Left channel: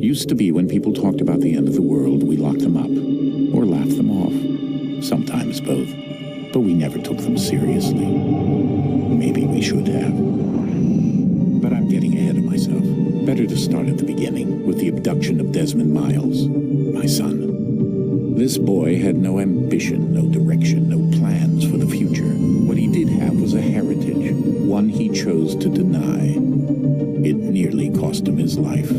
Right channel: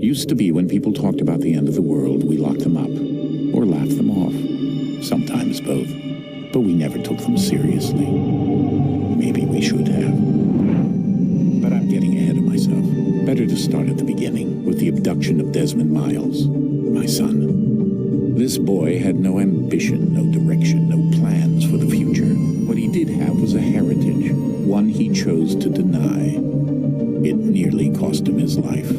Used to be when people talked about the end of the world, we locked them up, or laughed them off. Sometimes both. But we never took them seriously. Maybe we should have. But I'm getting ahead of myself. Better to start at the beginning, with the abduction of Desmond Miles, my son. This boy had no ambition, no direction, no plans for the future. What he did have was a heritage, one he chose to deny. It nearly cost him his life.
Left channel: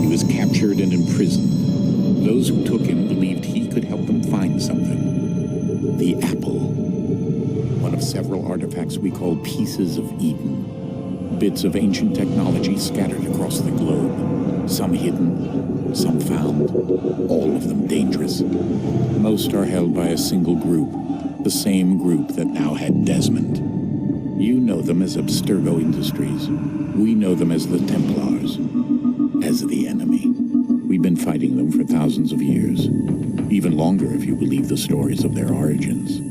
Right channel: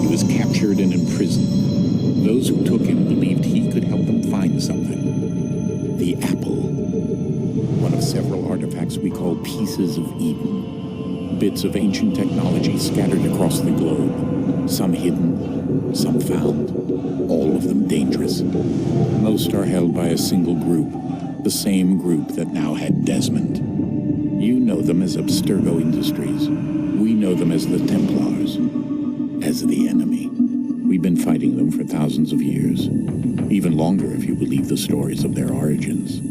He was captured and imprisoned. Those who took him believed he could help them find something. The apple. One of several artifacts we call pieces of Eden. Bits of ancient technology scattered across the globe. Some hidden, some found, all of them dangerous. Most are held by a single group, the same group that now had Desmond. You know them as Abstergo Industries. We know them as the Templars. As the enemy. We've been fighting them for thousands of years. Even longer if you believe the stories of their origins.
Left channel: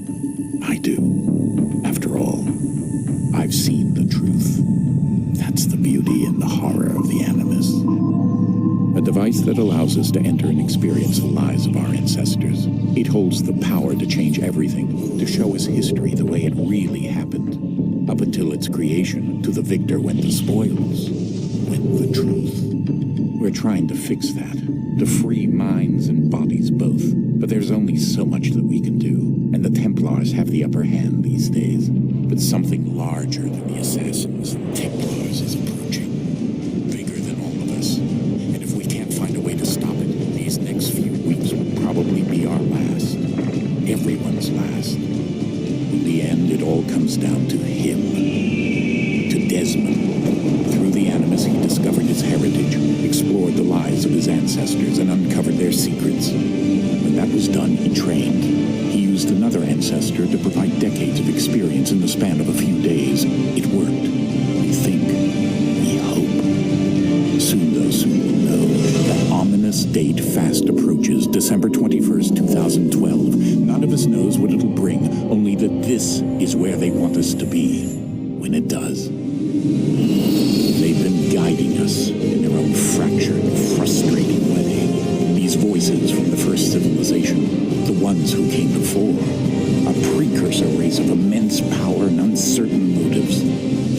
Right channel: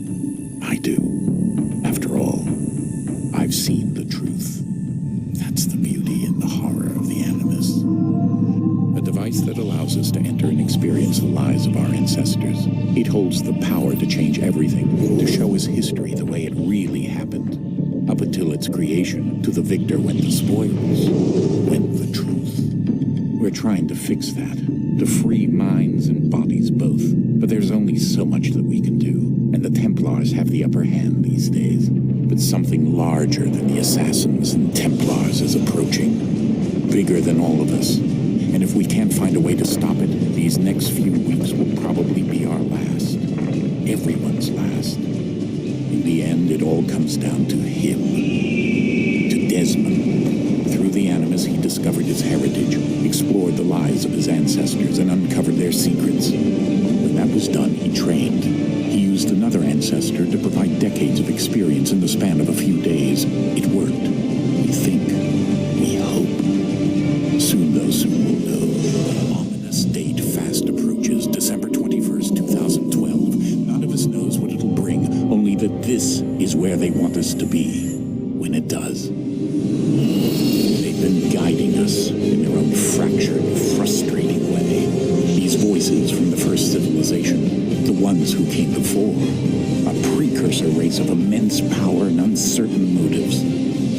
I do. After all, I've seen the truth. That's the beauty and the horror of the Animus. A device that allows us to enter and experience the lives of our ancestors. It holds the power to change everything, to show us history the way it really happened. Up until its creation, to the victor went the spoils, went the truth. We're trying to fix that, to free minds and bodies both. But there's only so much that we can do, and the Templars have the upper hand these days. But something larger than the Assassins and Templars is approaching, bigger than all of us. And if we can't find a way to stop it, these next few weeks will probably be our last. Everyone's last. In the end, it all comes down to him. To Desmond. Through the Animus, he discovered its heritage, explored the lives of his ancestors, and uncovered their secrets. When that was done, he trained. He used another ancestor to provide decades of experience in the span of a few days. It worked. We think. We hope. Soon, though, soon we'll know. That ominous date fast approaches, December 21st, 2012. None of us knows what it'll bring, only that this is where they want us to be. When it does. They've been guiding us in their own fractured, frustrating way. These voices from the first civilization, the ones who came before, a precursor race of immense power and uncertain motives.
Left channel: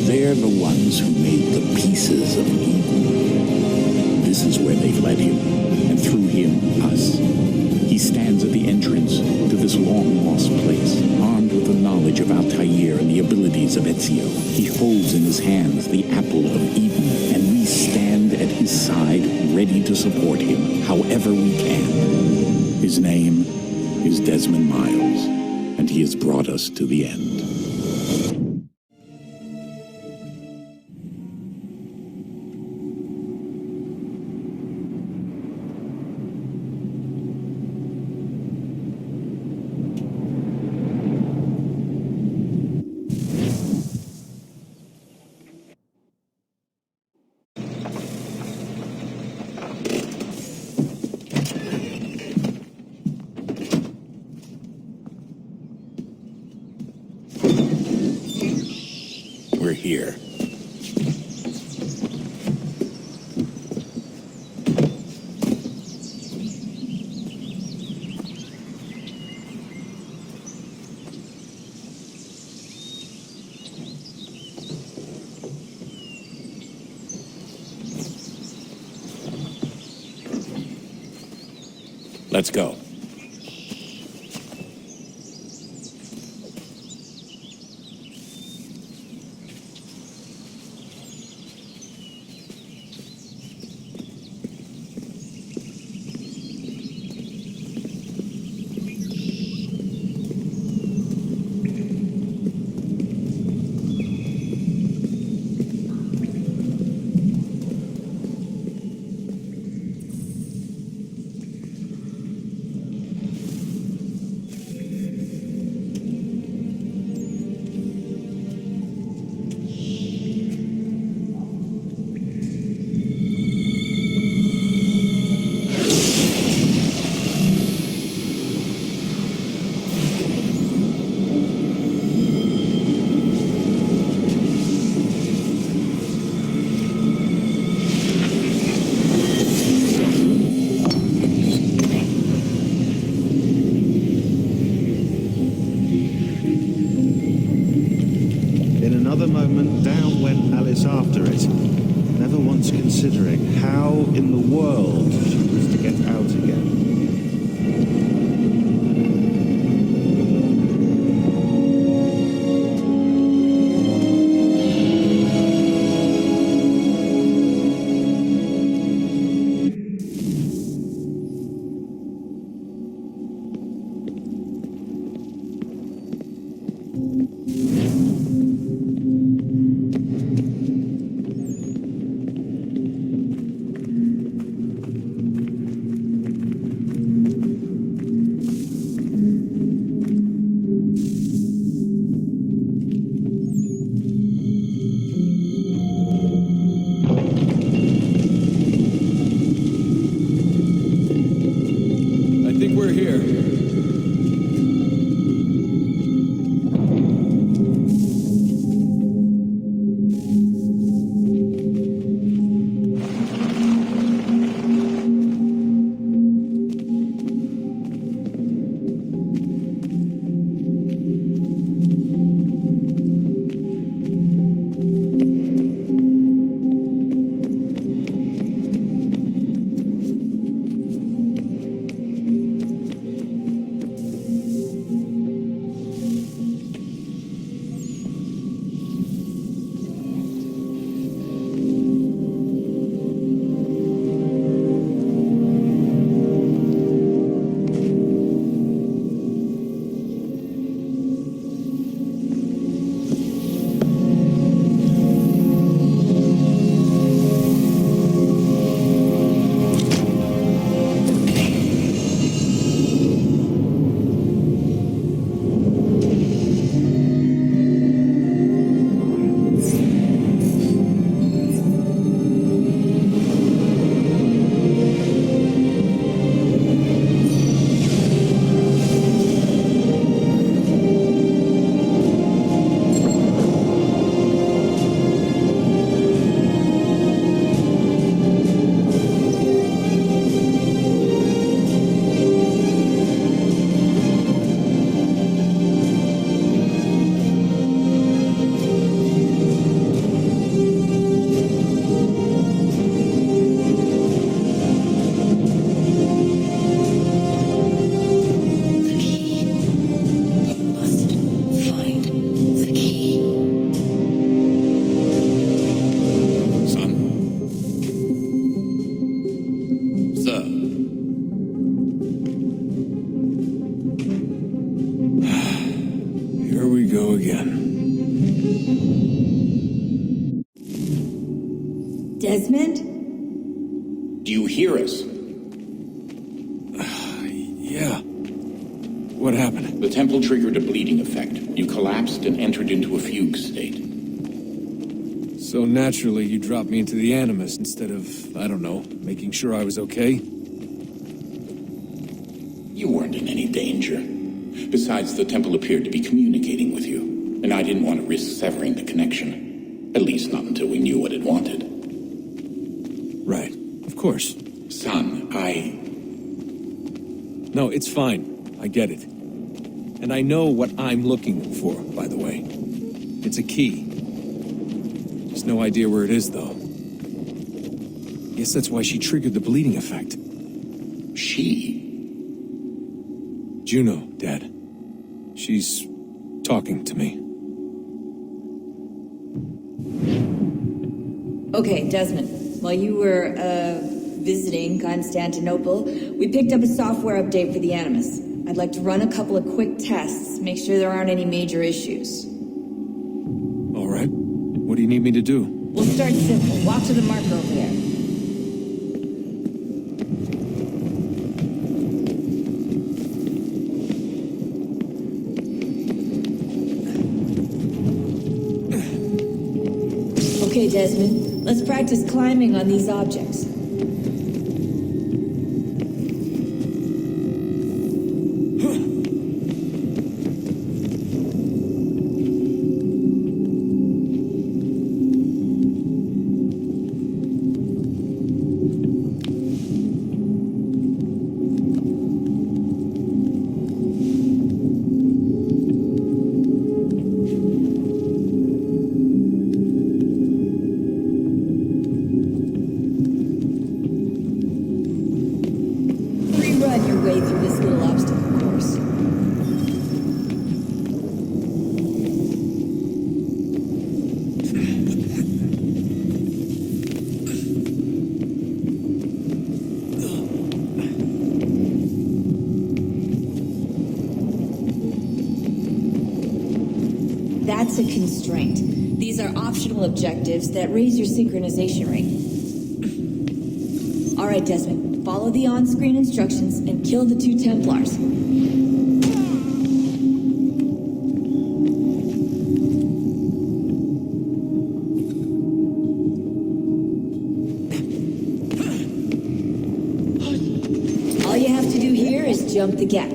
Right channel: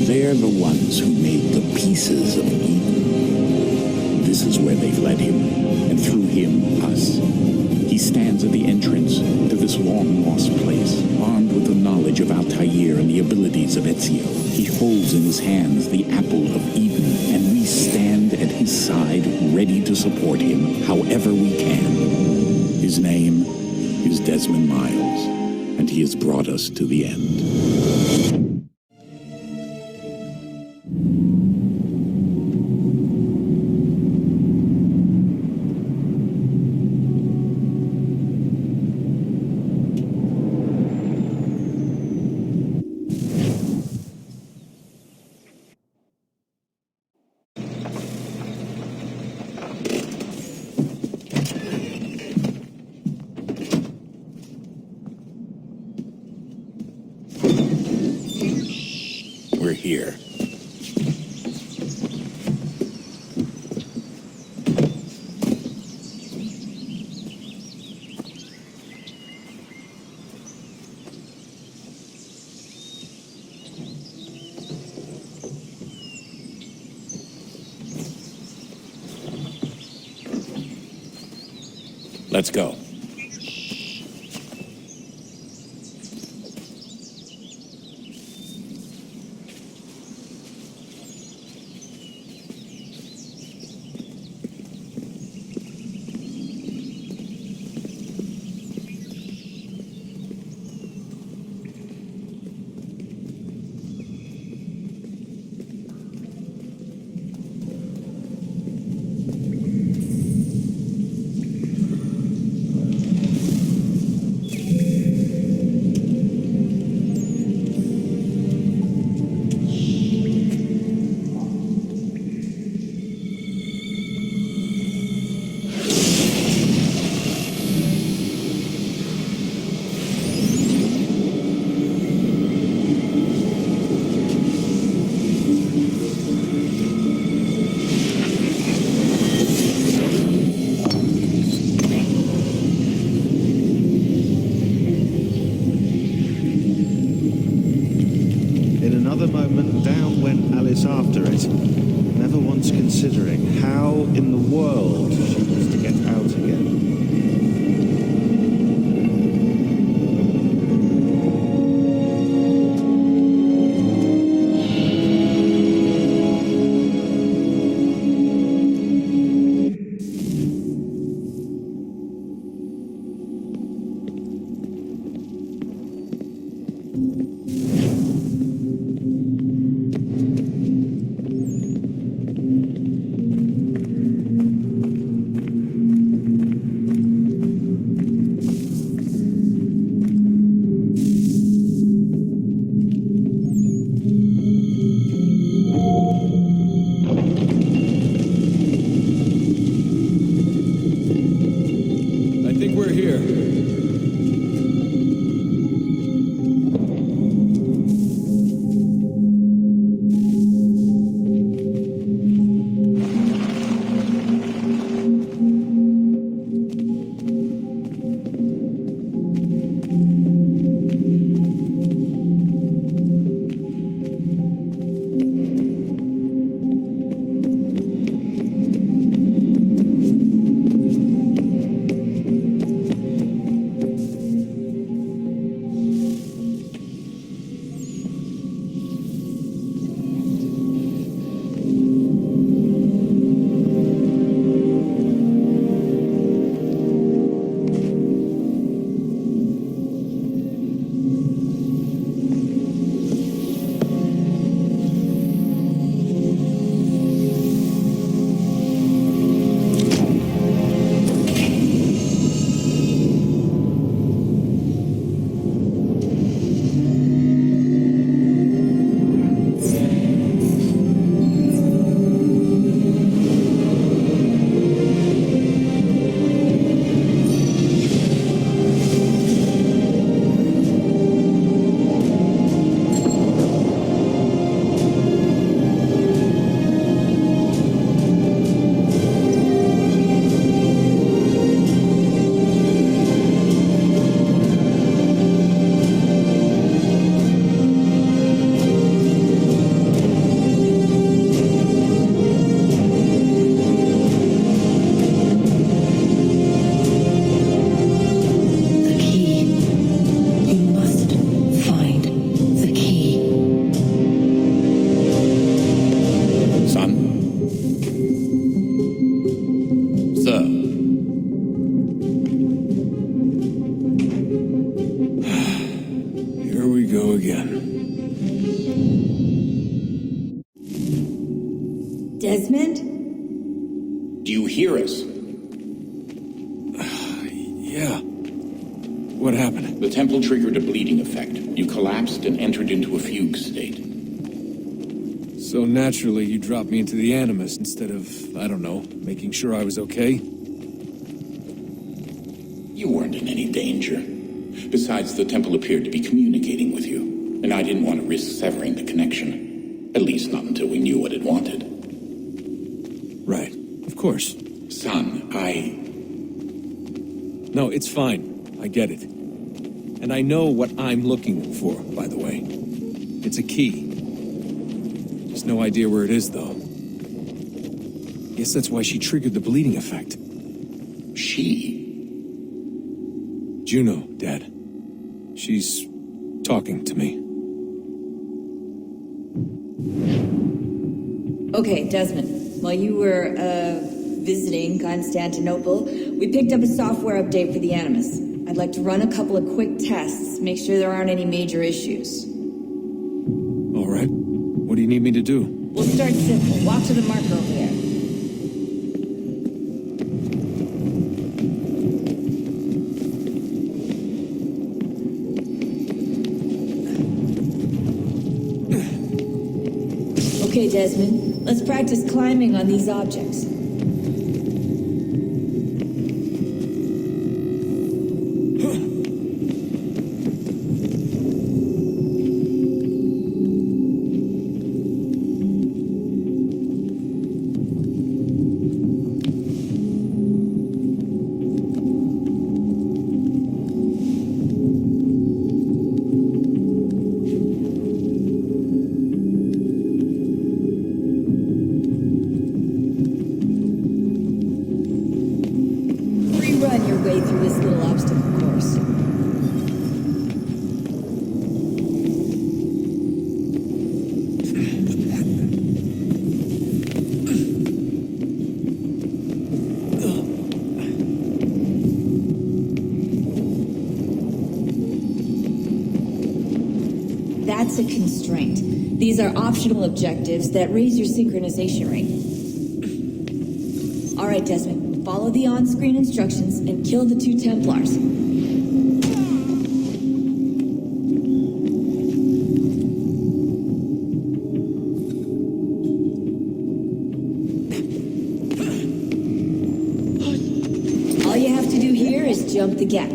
They're the ones who made the pieces of Eden. This is where they've led him, and through him, us. He stands at the entrance to this long-lost place, armed with the knowledge of Altair and the abilities of Ezio. He holds in his hands the apple of Eden, and we stand at his side, ready to support him however we can. His name is Desmond Miles, and he has brought us to the end. We're here. Let's go. In another moment, down went Alice after it, never once considering how in the world she was to get out again. I think we're here. Son? Sir? Here we go again. Desmond? Do you hear us? Yeah. What happened? The temple triggered a bleeding effect. You collapsed and entered into a fugue state. So naturally, you dropped me into the Animus instead of, I don't know, making sure I was okay? You weren't in any danger. Besides, the temple appeared to be communicating with you, and I didn't want to risk severing the connection. At least not until we knew what it wanted. Right. Of course. Son, No, it's fine. I get it. And I know what I'm looking for, by the way. It's a key. Just no idea where it is, though. Guess that's why she triggered the bleeding effect. She? Juno, Dad. She's talking to me. Okay, Desmond. While you were, visiting Constantinople, we picked up a software update for the Animus. I'd like to run a couple of quick tests, make sure there aren't any major issues. All right. What do you need me to do? We'll start simple. Walk to the marker over there. Okay, Desmond. Let's practice climbing on these objects. That's a constraint. These are optional objectives that raise your synchronization rate. All right, Desmond, follow the on-screen instructions and kill the 2 Templars. All you have to do here is jump the gap.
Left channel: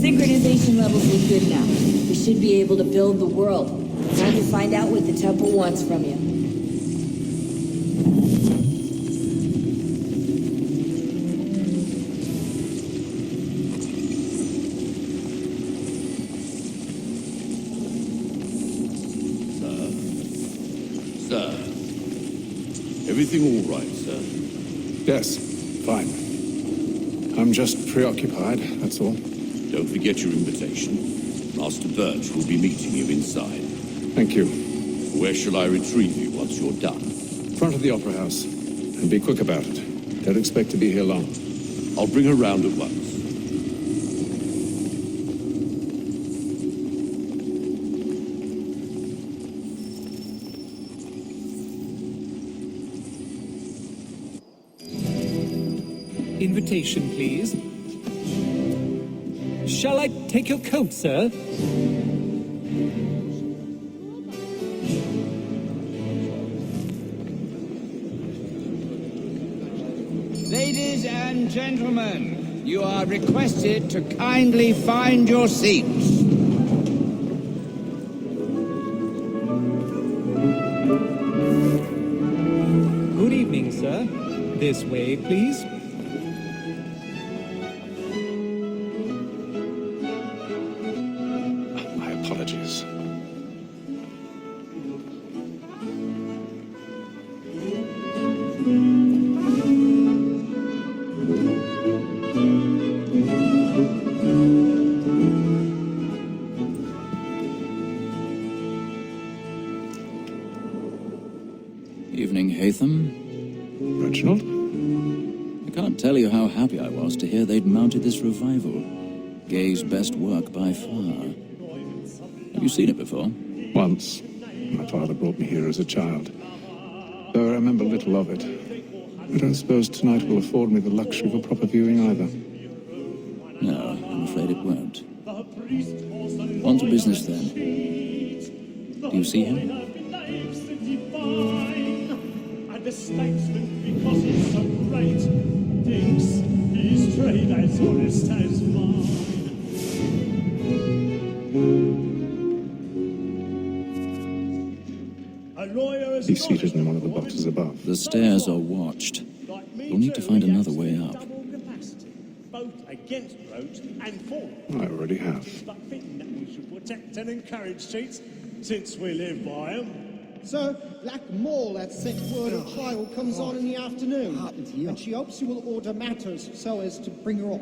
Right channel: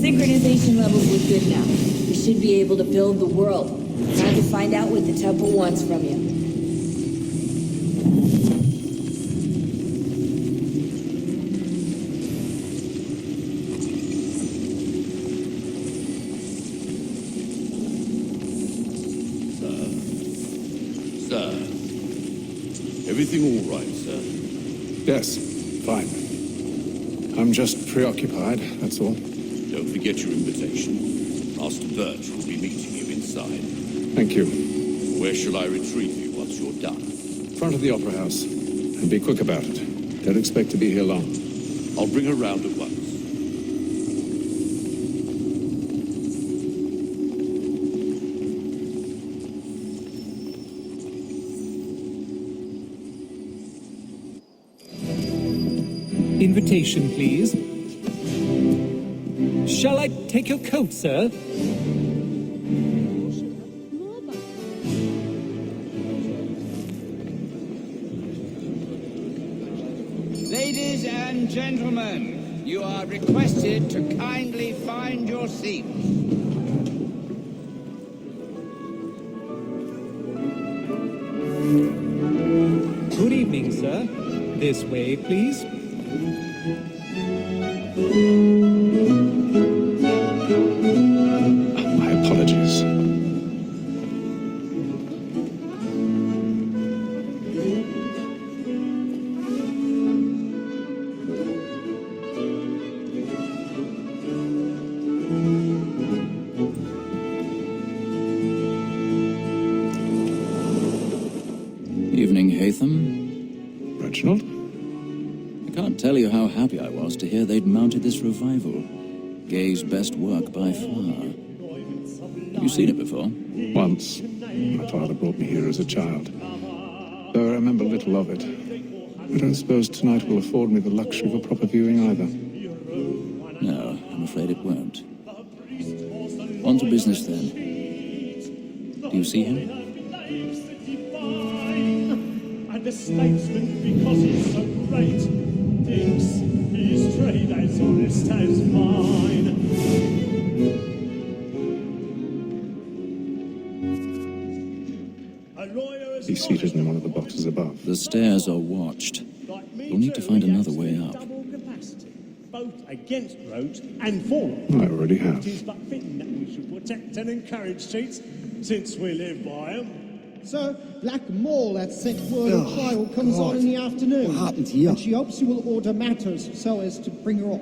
Synchronization levels look good now. We should be able to build the world. Time to find out what the temple wants from you. Sir. Everything all right, sir? Yes, fine. I'm just preoccupied, that's all. Don't forget your invitation. Master Birch will be meeting you inside. Thank you. Where shall I retrieve you once you're done? Front of the Opera House. And be quick about it. Don't expect to be here long. I'll bring her round at once. Invitation, please. Shall I take your coat, sir? Ladies and gentlemen, you are requested to kindly find your seats. Good evening, sir. This way, please. My apologies. Evening, Haytham. Reginald? I can't tell you how happy I was to hear they'd mounted this revival. Gay's best work by far. Have you seen it before? Once. My father brought me here as a child. Though I remember little of it. I don't suppose tonight will afford me the luxury of a proper viewing either. No, I'm afraid it won't. On to business then. Do you see him? And the statesman, because he's so great, thinks his trade as honest as mine. A lawyer is He's seated in one of the boxes above. The stairs are watched. like me We'll need to too, find he another has way up. double capacity, both against roads and for them. I already have. It is but fitting that we should protect and encourage cheats, since we live by them. So, Black Mall had set word of trial comes on in the afternoon. And she hopes you will order matters so as to bring her off.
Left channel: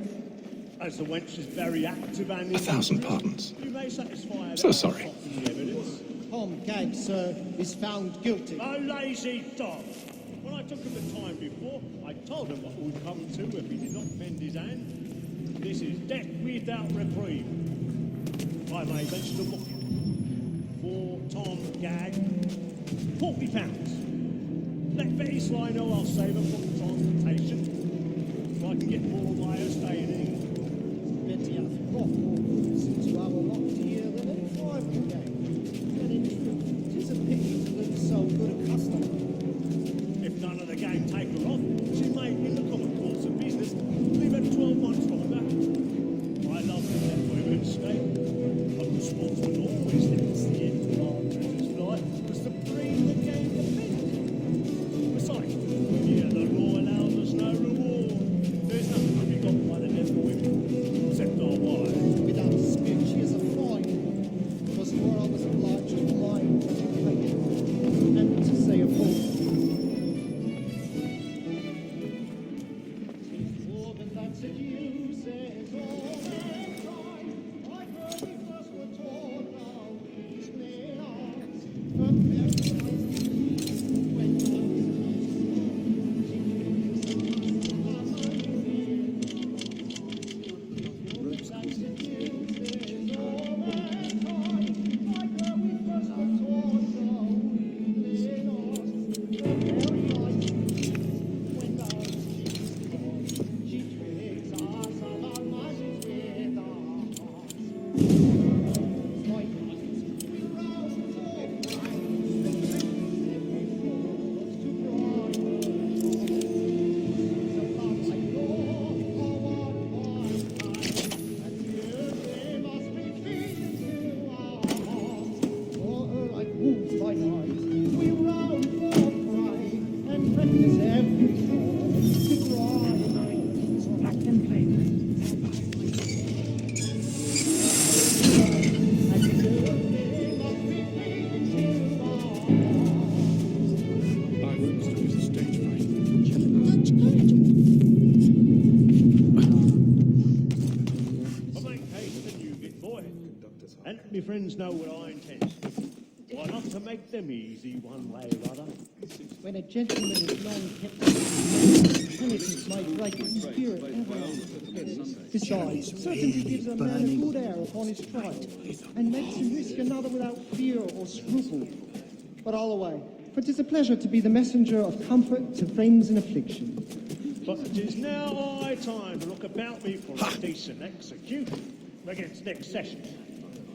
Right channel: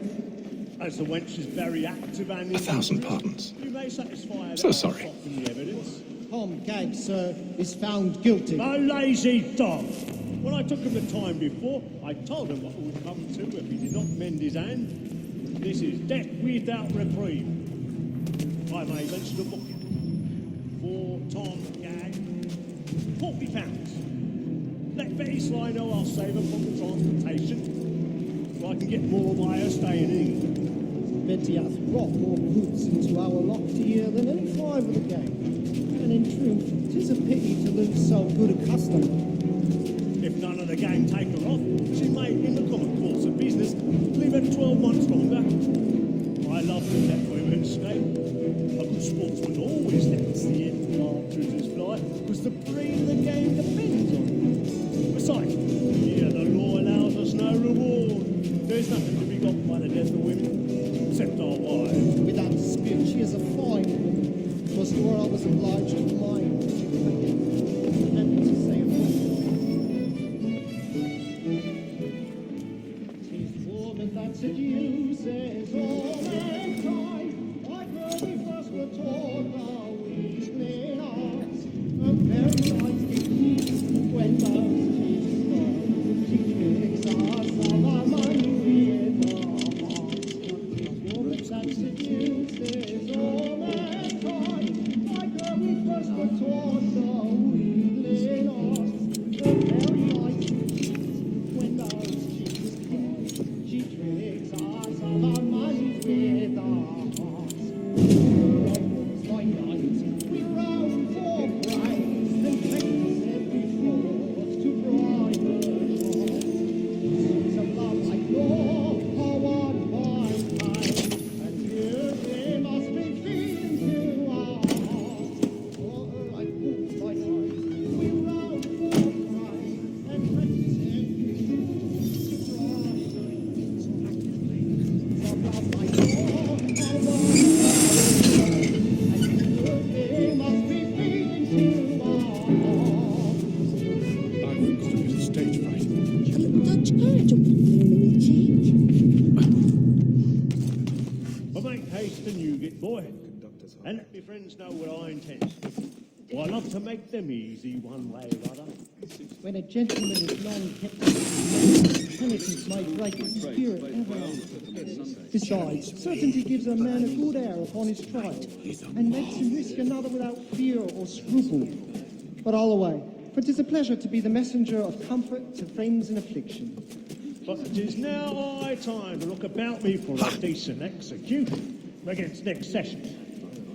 As the wench is very active and 1,000 pardons. you may satisfy So her sorry. from the evidence. Tom Gag, sir, is found guilty. A lazy dog. When I took him the time before, I told him what would come to if he did not mend his hand. This is death without reprieve. I may venture to book him. For Tom Gag, £40. Let Betty Sly know I'll save her from the transportation, so I can get more of my staying in England. Betty hath brought more goods into our lot here than any five of the gang. And in truth, 'tis a pity to lose so good a customer. If none of the gang take her off, she may, in the common course of business, live at 12 months longer. I love to let women stay. A good sportsman always lets the end of partridges fly, because the breed of the game depends on it. Besides, yeah, the law allows us no reward. There's nothing to be got by the death of women, except our wives. Without dispute, she is a fine woman. 'Twas to her I was obliged for my education, and to say a fool. 'Tis woman that seduces all mankind. Like her we first were taught our weakling arts. A very light when those she's born. She tricks us of our money with her hearts. Woman that seduces all mankind. Like her we first were taught our weakling arts. A very light when those she's born. She tricks us of our money with her hearts. Like roots by night, we roam for prey, and practice every fraud to bribe her heart. Seeds of love like law are won by time, and here they must be feeding to our hearts. For like roots by night, we roam for prey, and practice every fraud to bribe her heart. Seeds of love like law are won by and here they must be feeding to our hearts. I once took a stage fright. But make haste and you get boy, and let me friends know what I intend. I love to make them easy one way or other. When a gentleman is long kept, penitence may break his spirit ever. Besides, certainty gives a man a good air upon his trial, and makes him risk another without fear or scruple. But all away, for 'tis a pleasure to be the messenger of comfort to friends in affliction. But it is now high time to look about me for a decent execution against next session.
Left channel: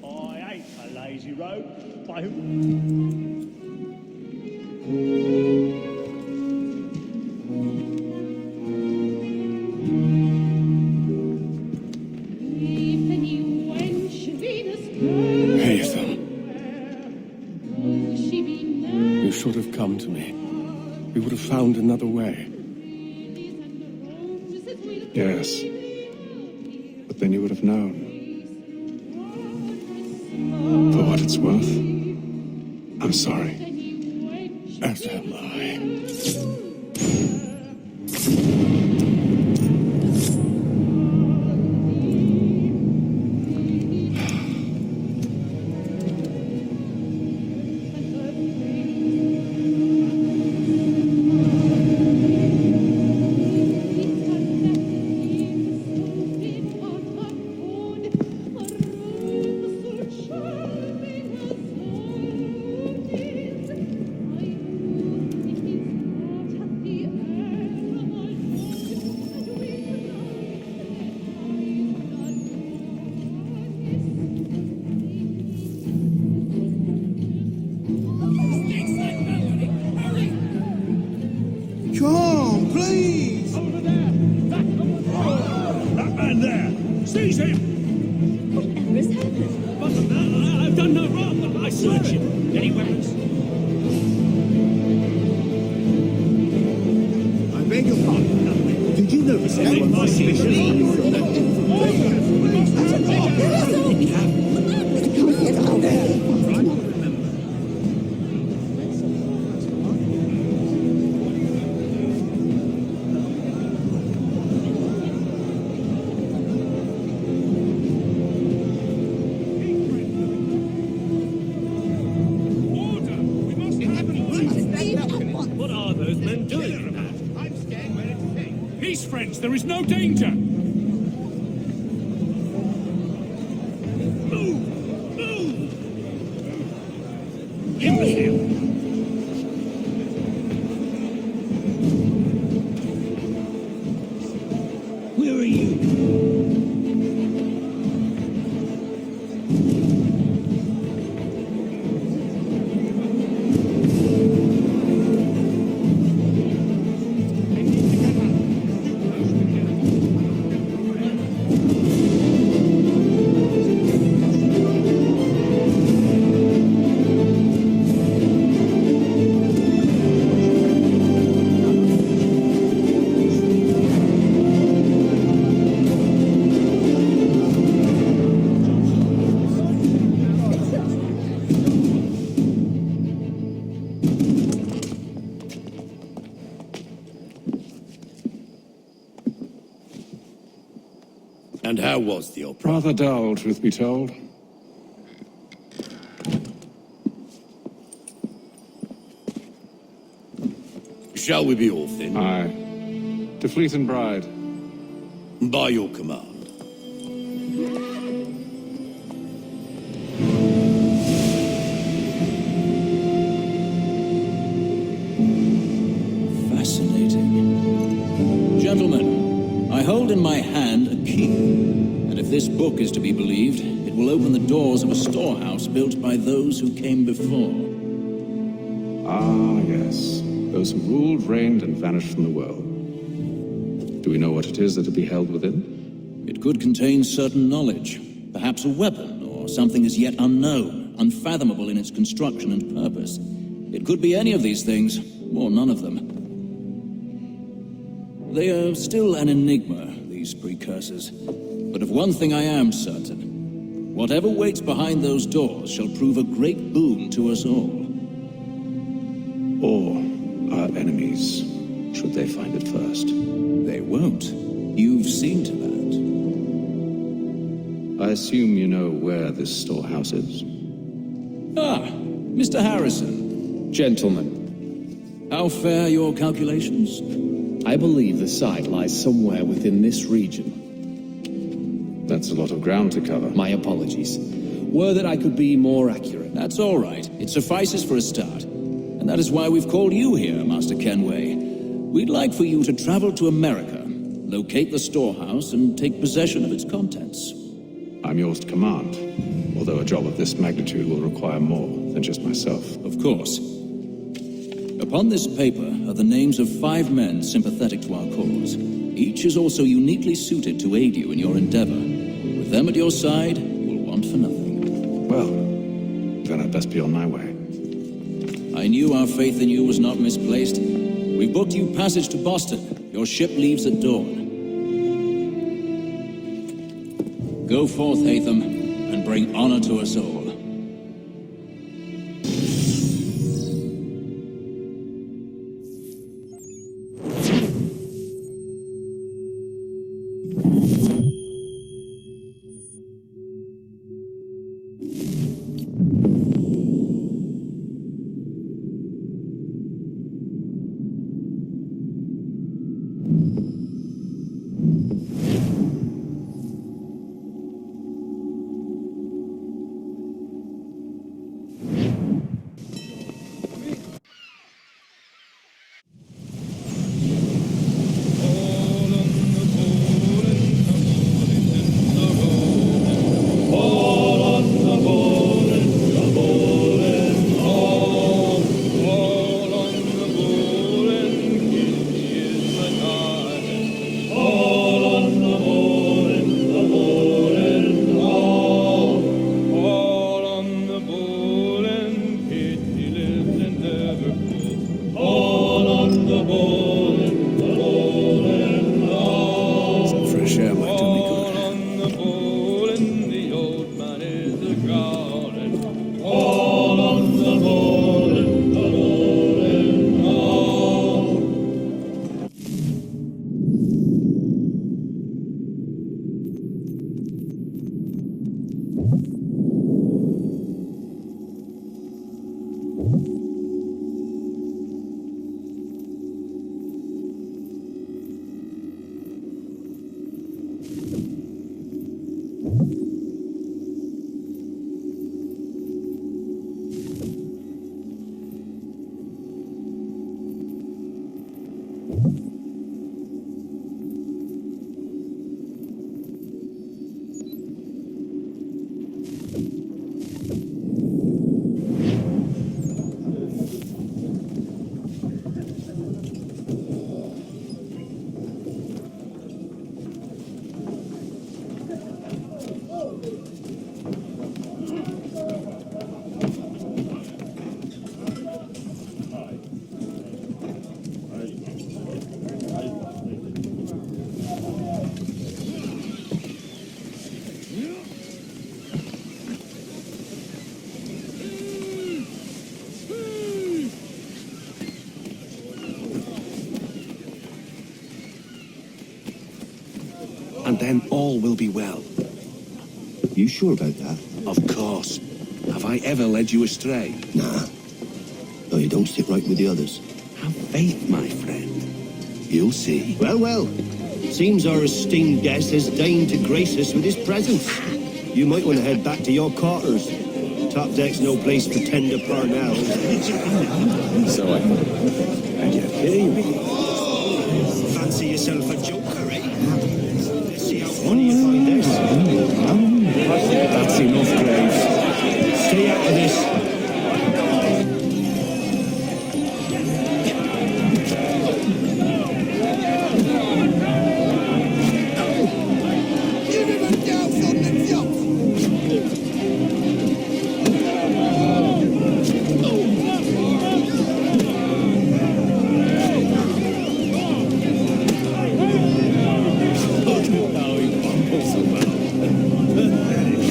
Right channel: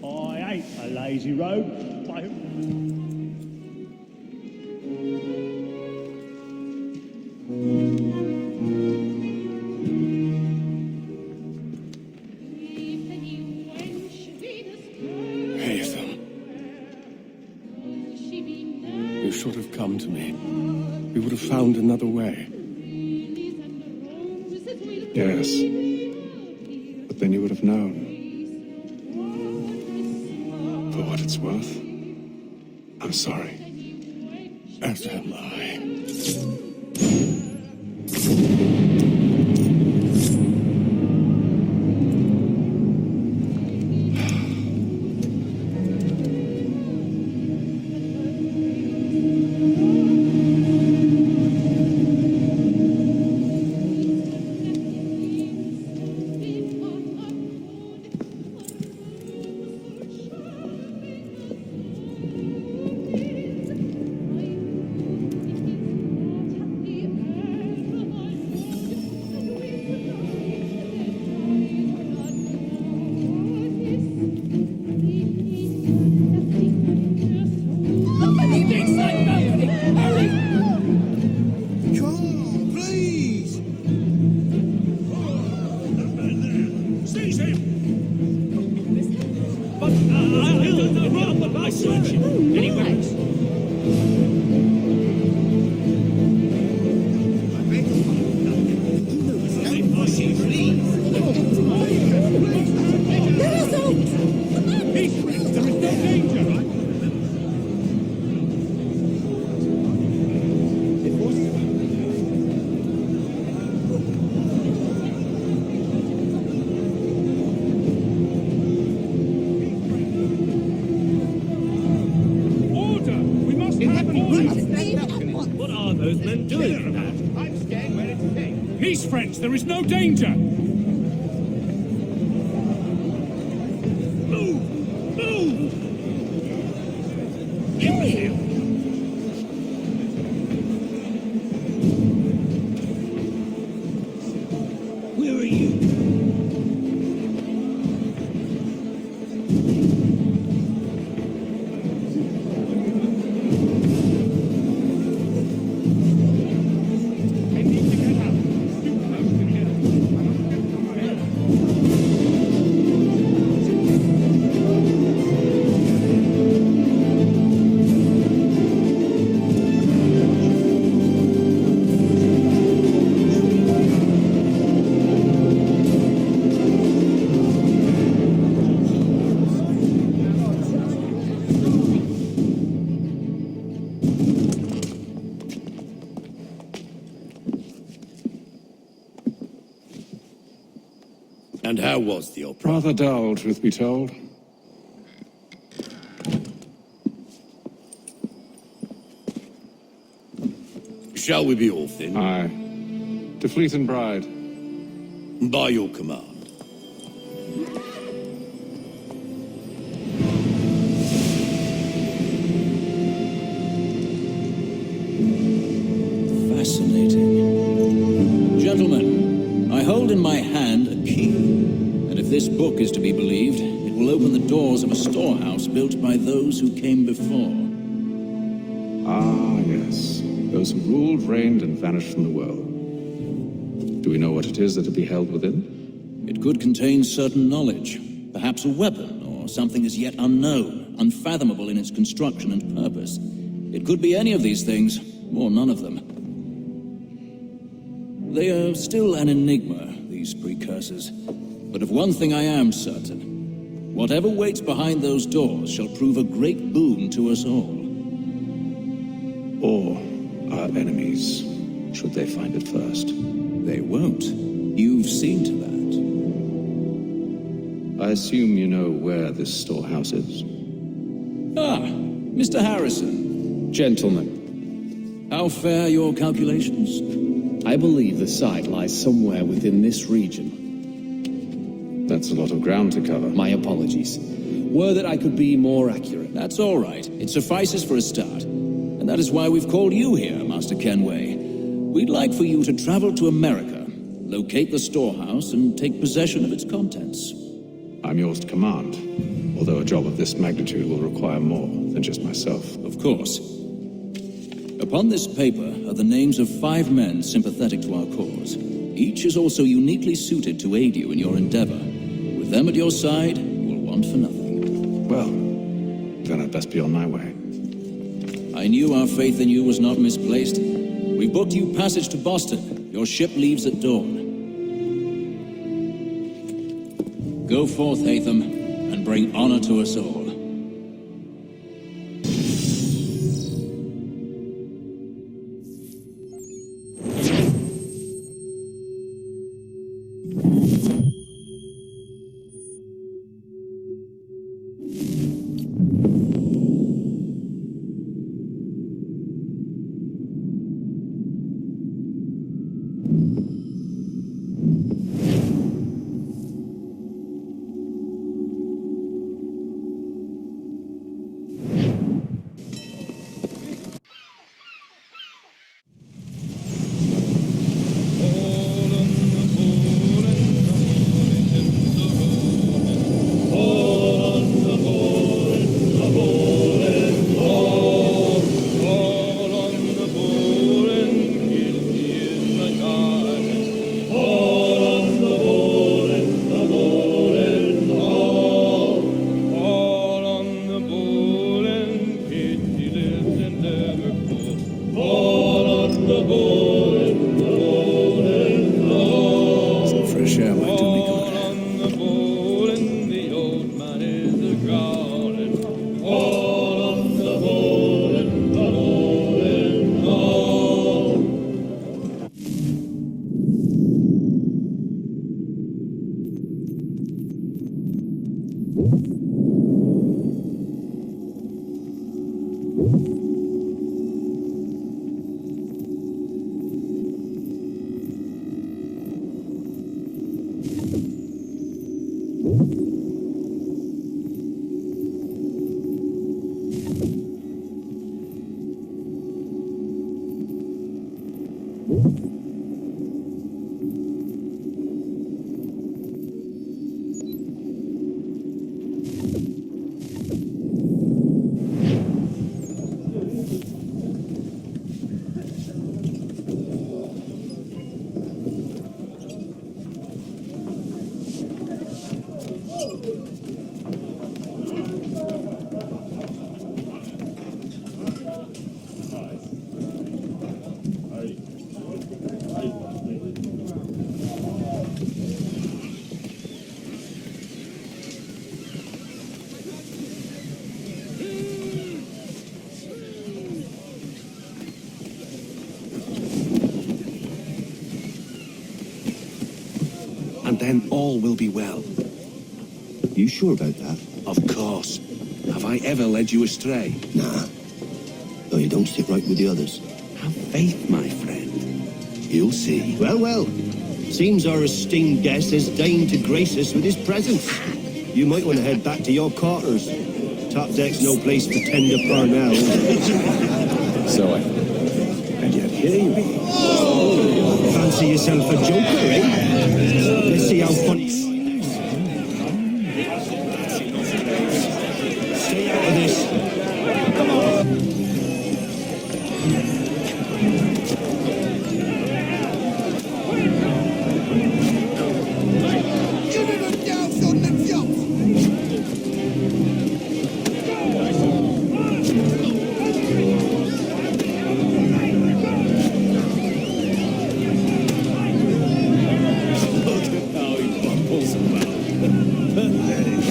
I hate a lazy rogue by whom... Haytham. You should have come to me. We would have found another way. Yes. But then you would have known. For what it's worth, I'm sorry. As am I. Come, please! That man there! Seize him! Whatever has happened? But I've done no wrong, but I search him. Any weapons? I beg your pardon. Did you notice any What are those men doing? I'm staying where it's safe. Peace, friends, there is no danger! Move! Move! Imbecile! Where are you? And how was the opera? Rather dull, truth be told. Shall we be off then? Aye. To Fleet and Bride. By your command. Fascinating. Gentlemen, I hold in my hand a key, and if this book is to be believed, it will open the doors of a storehouse built by those who came before. Ah, yes. Those who ruled, reigned, and vanished from the world. Do we know what it is that will be held within? It could contain certain knowledge, perhaps a weapon, or something as yet unknown, unfathomable in its construction and purpose. It could be any of these things, or none of them. They are still an enigma, these precursors. But of one thing I am certain. Whatever waits behind those doors shall prove a great boon to us all. Or our enemies, should they find it first. They won't. You've seen to that. I assume you know where this storehouse is? Ah, Mr. Harrison. Gentlemen. How fare your calculations? I believe the site lies somewhere within this region. That's a lot of ground to cover. My apologies. Were that I could be more accurate. That's all right. It suffices for a start. And that is why we've called you here, Master Kenway. We'd like for you to travel to America, locate the storehouse, and take possession of its contents. I'm yours to command, although a job of this magnitude will require more than just myself. Of course. Upon this paper are the names of 5 men sympathetic to our cause. Each is also uniquely suited to aid you in your endeavor. With them at your side, you will want for nothing. Well, then I'd best be on my way. I knew our faith in you was not misplaced. We've booked you passage to Boston. Your ship leaves at dawn. Go forth, Hatham, and bring honor to us all. Some fresh air might do me good. On the bowl and the old man is a growling. All on the bowl and the bowl and all. then all will be well. You sure about that? Of course. Have I ever led you astray? Nah. No, you don't stick right with the others. Have faith, my friend. You'll see. Well, well. Seems our esteemed guest has deigned to grace us with his presence. You might want to head back to your quarters. Top deck's no place for tender parnells. So I thought. And yet here you be. Fancy yourself a joker, eh? Let's see how funny you find this. That's enough, Graves. Stay out of this. Give him a douse on the jump! Look at how he bumbles about. Pathetic.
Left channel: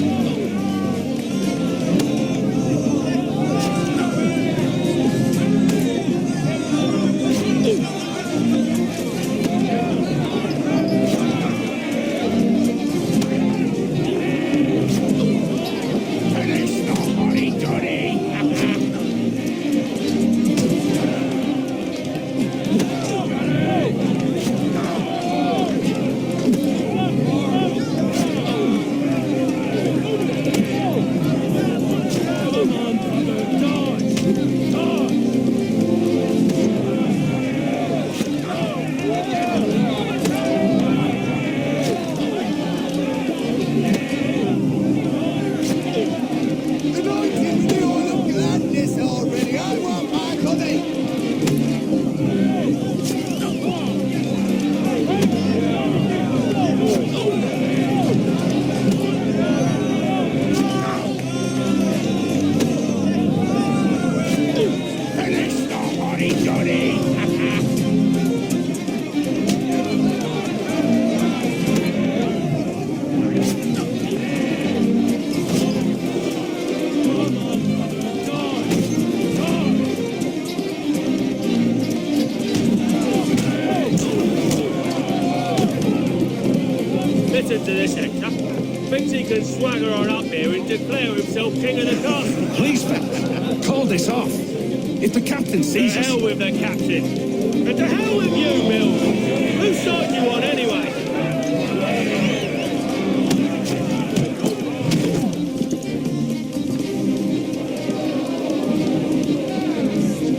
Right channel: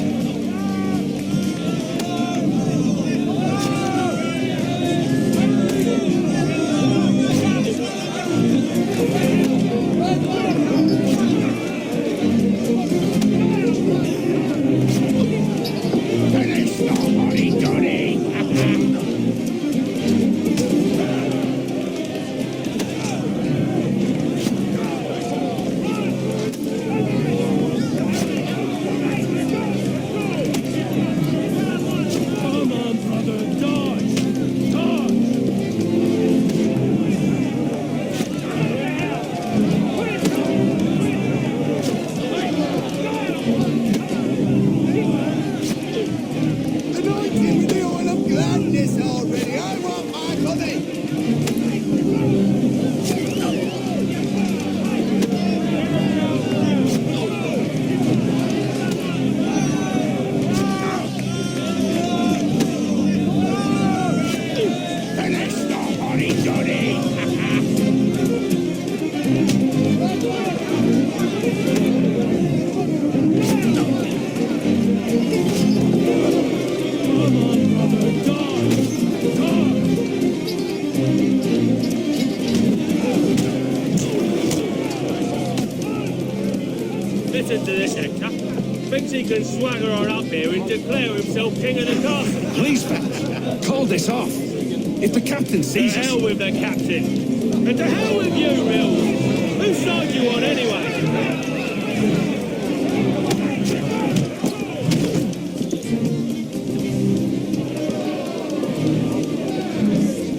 Finish the hotty-toddy! Come on, brother, dodge! Dodge! Anoint him with the oil of gladness already! I want my money! Finish the hotty-toddy! Come on, brother, dodge! Dodge! Listen to this, Hector. Thinks he can swagger on up here and declare himself king of the castle. Please, fellas, call this off. If the captain To sees us... hell with the captain. And to hell with you, Mills. Whose side you on, anyway?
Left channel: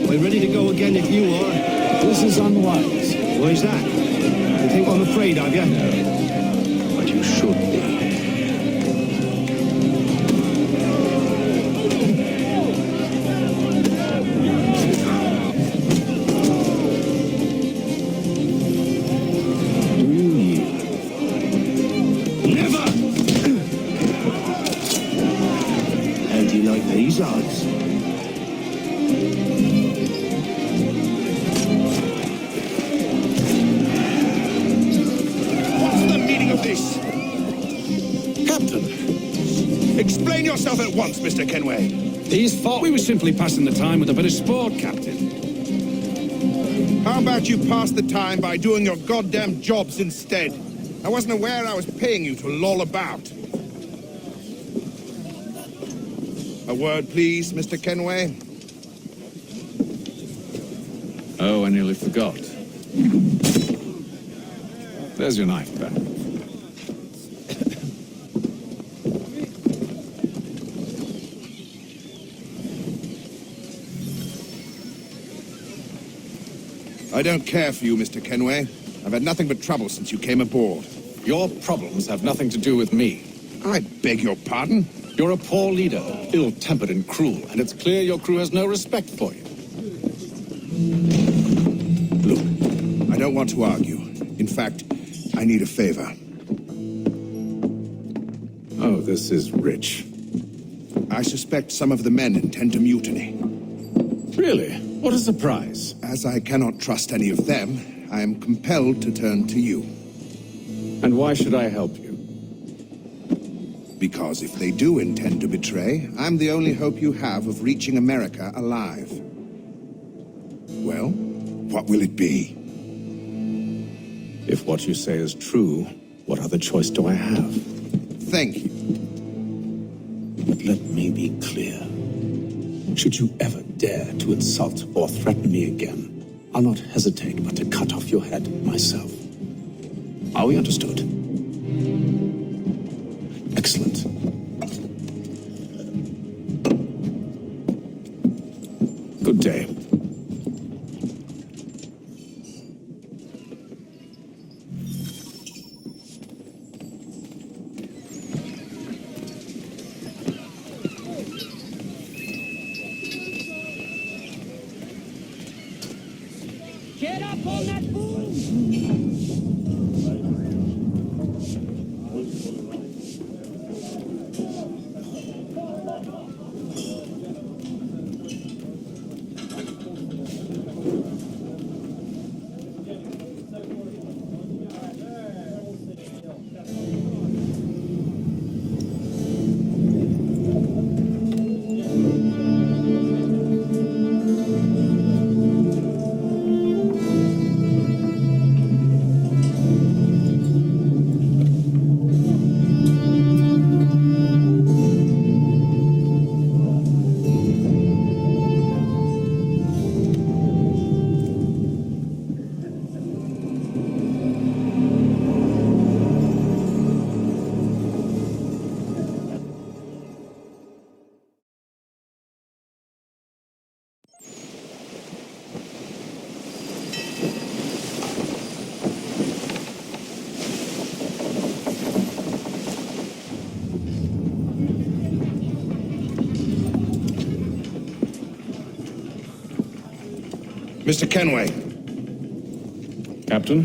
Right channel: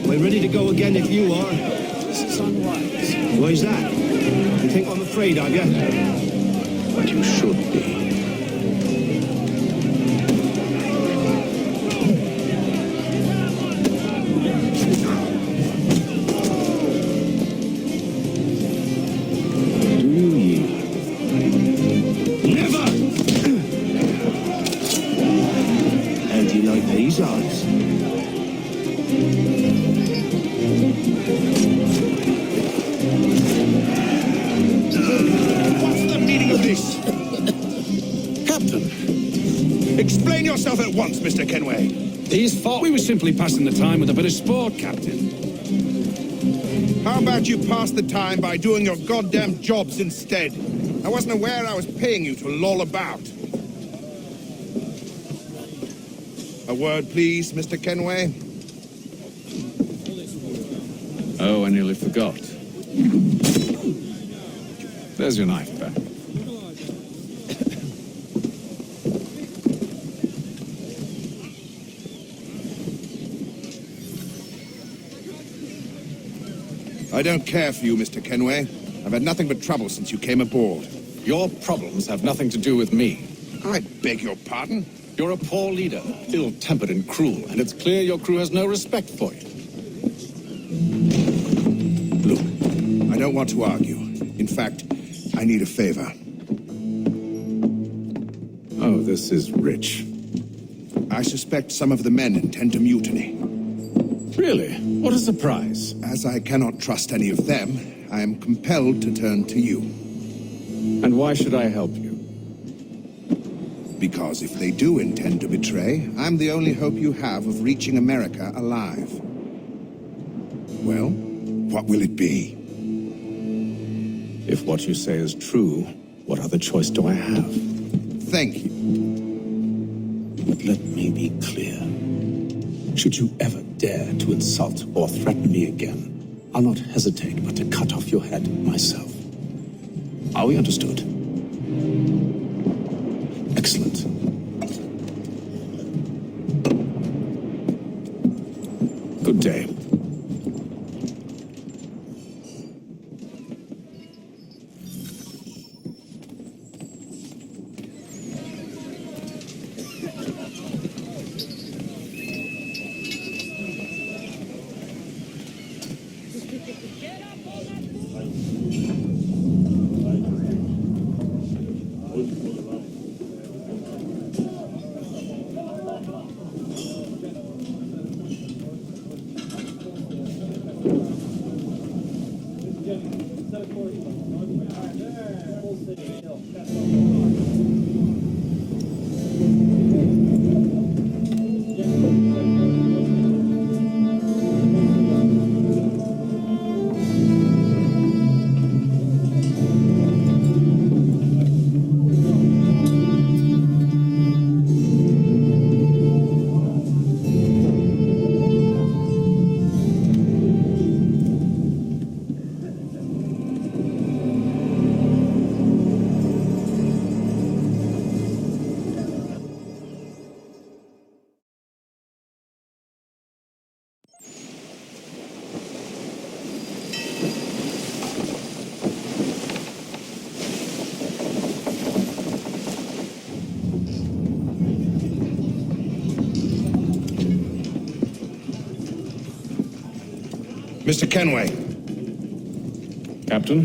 We're ready to go again if you are. This is unwise. Why's that? You think I'm afraid of you? No. But you should be. Do you yield? Never! How do you like these odds? What's the meaning of this? Captain, Explain yourself at once, Mr. Kenway. these thought we were simply passing the time with a bit of sport, Captain. How about you pass the time by doing your goddamn jobs instead? I wasn't aware I was paying you to loll about. A word, please, Mr. Kenway. Oh, I nearly forgot. There's your knife back. I don't care for you, Mr. Kenway. I've had nothing but trouble since you came aboard. Your problems have nothing to do with me. I beg your pardon? You're a poor leader, ill-tempered and cruel, and it's clear your crew has no respect for you. Look, I don't want to argue. In fact, I need a favor. Oh, this is rich. I suspect some of the men intend to mutiny. Really? What a surprise. As I cannot trust any of them, I am compelled to turn to you. And why should I help you? Because if they do intend to betray, I'm the only hope you have of reaching America alive. Well, what will it be? If what you say is true, What other choice do I have? Thank you. But let me be clear. Should you ever dare to insult or threaten me again, I'll not hesitate but to cut off your head myself. Are we understood? Excellent. Good day. Get up on that Mr. Kenway. Captain?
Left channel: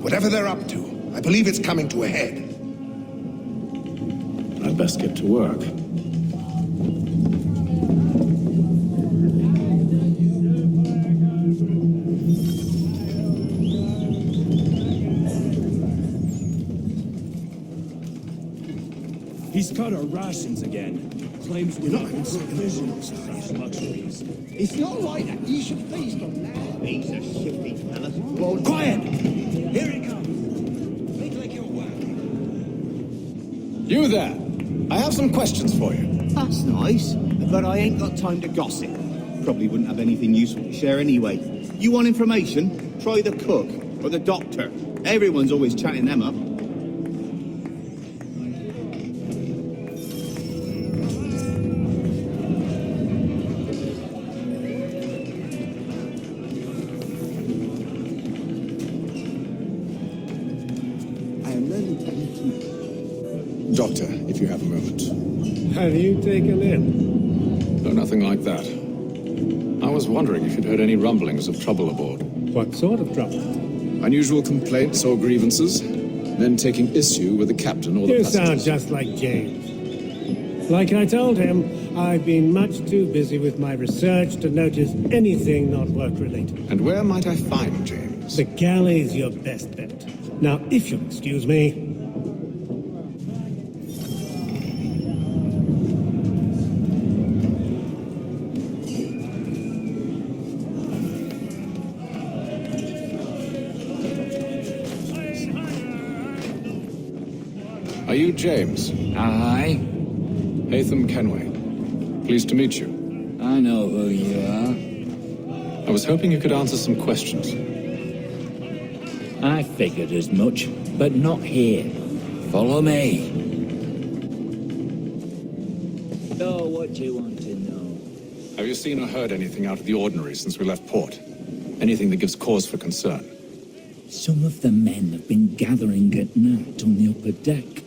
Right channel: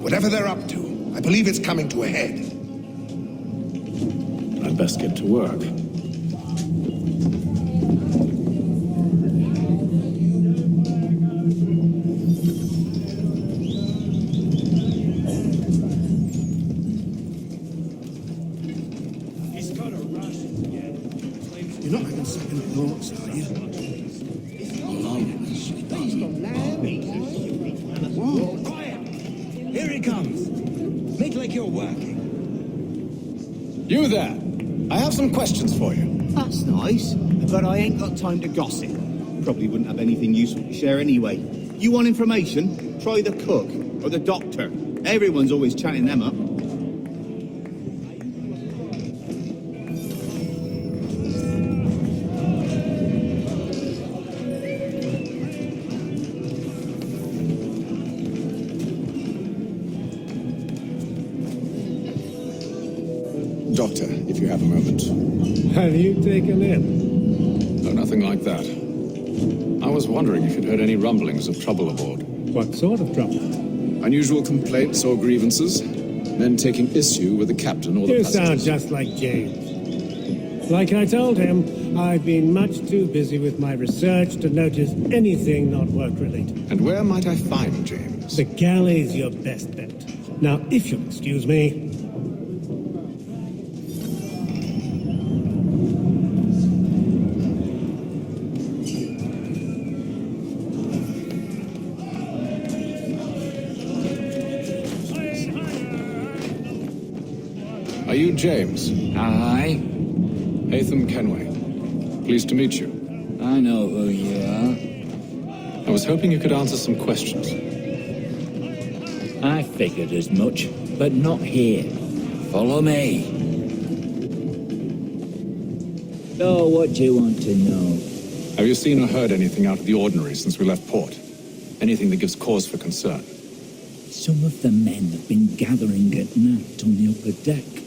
Whatever they're up to, I believe it's coming to a head. I'd best get to work. He's cut our rations again. Claims You're not having second thoughts, are you? If you're like that, you should feast on lamb. He's a stupid fella. Quiet! Here he comes. Make like you're working. You there! I have some questions for you. That's nice, but I ain't got time to gossip. Probably wouldn't have anything useful to share anyway. You want information? Try the cook or the doctor. Everyone's always chatting them up. Doctor, if you have a moment. Have you taken in? No, nothing like that. I was wondering if you'd heard any rumblings of trouble aboard. What sort of trouble? Unusual complaints or grievances? Men taking issue with the captain or the You passengers? sound just like James. Like I told him, I've been much too busy with my research to notice anything not work-related. And where might I find James? The galley's your best bet. Now, if you'll excuse me... Are you James? Aye. Hatham Kenway. Pleased to meet you. I know who you are. I was hoping you could answer some questions. I figured as much, but not here. Follow me. So, what do you want to know? Have you seen or heard anything out of the ordinary since we left port? Anything that gives cause for concern? Some of the men have been gathering at night on the upper deck.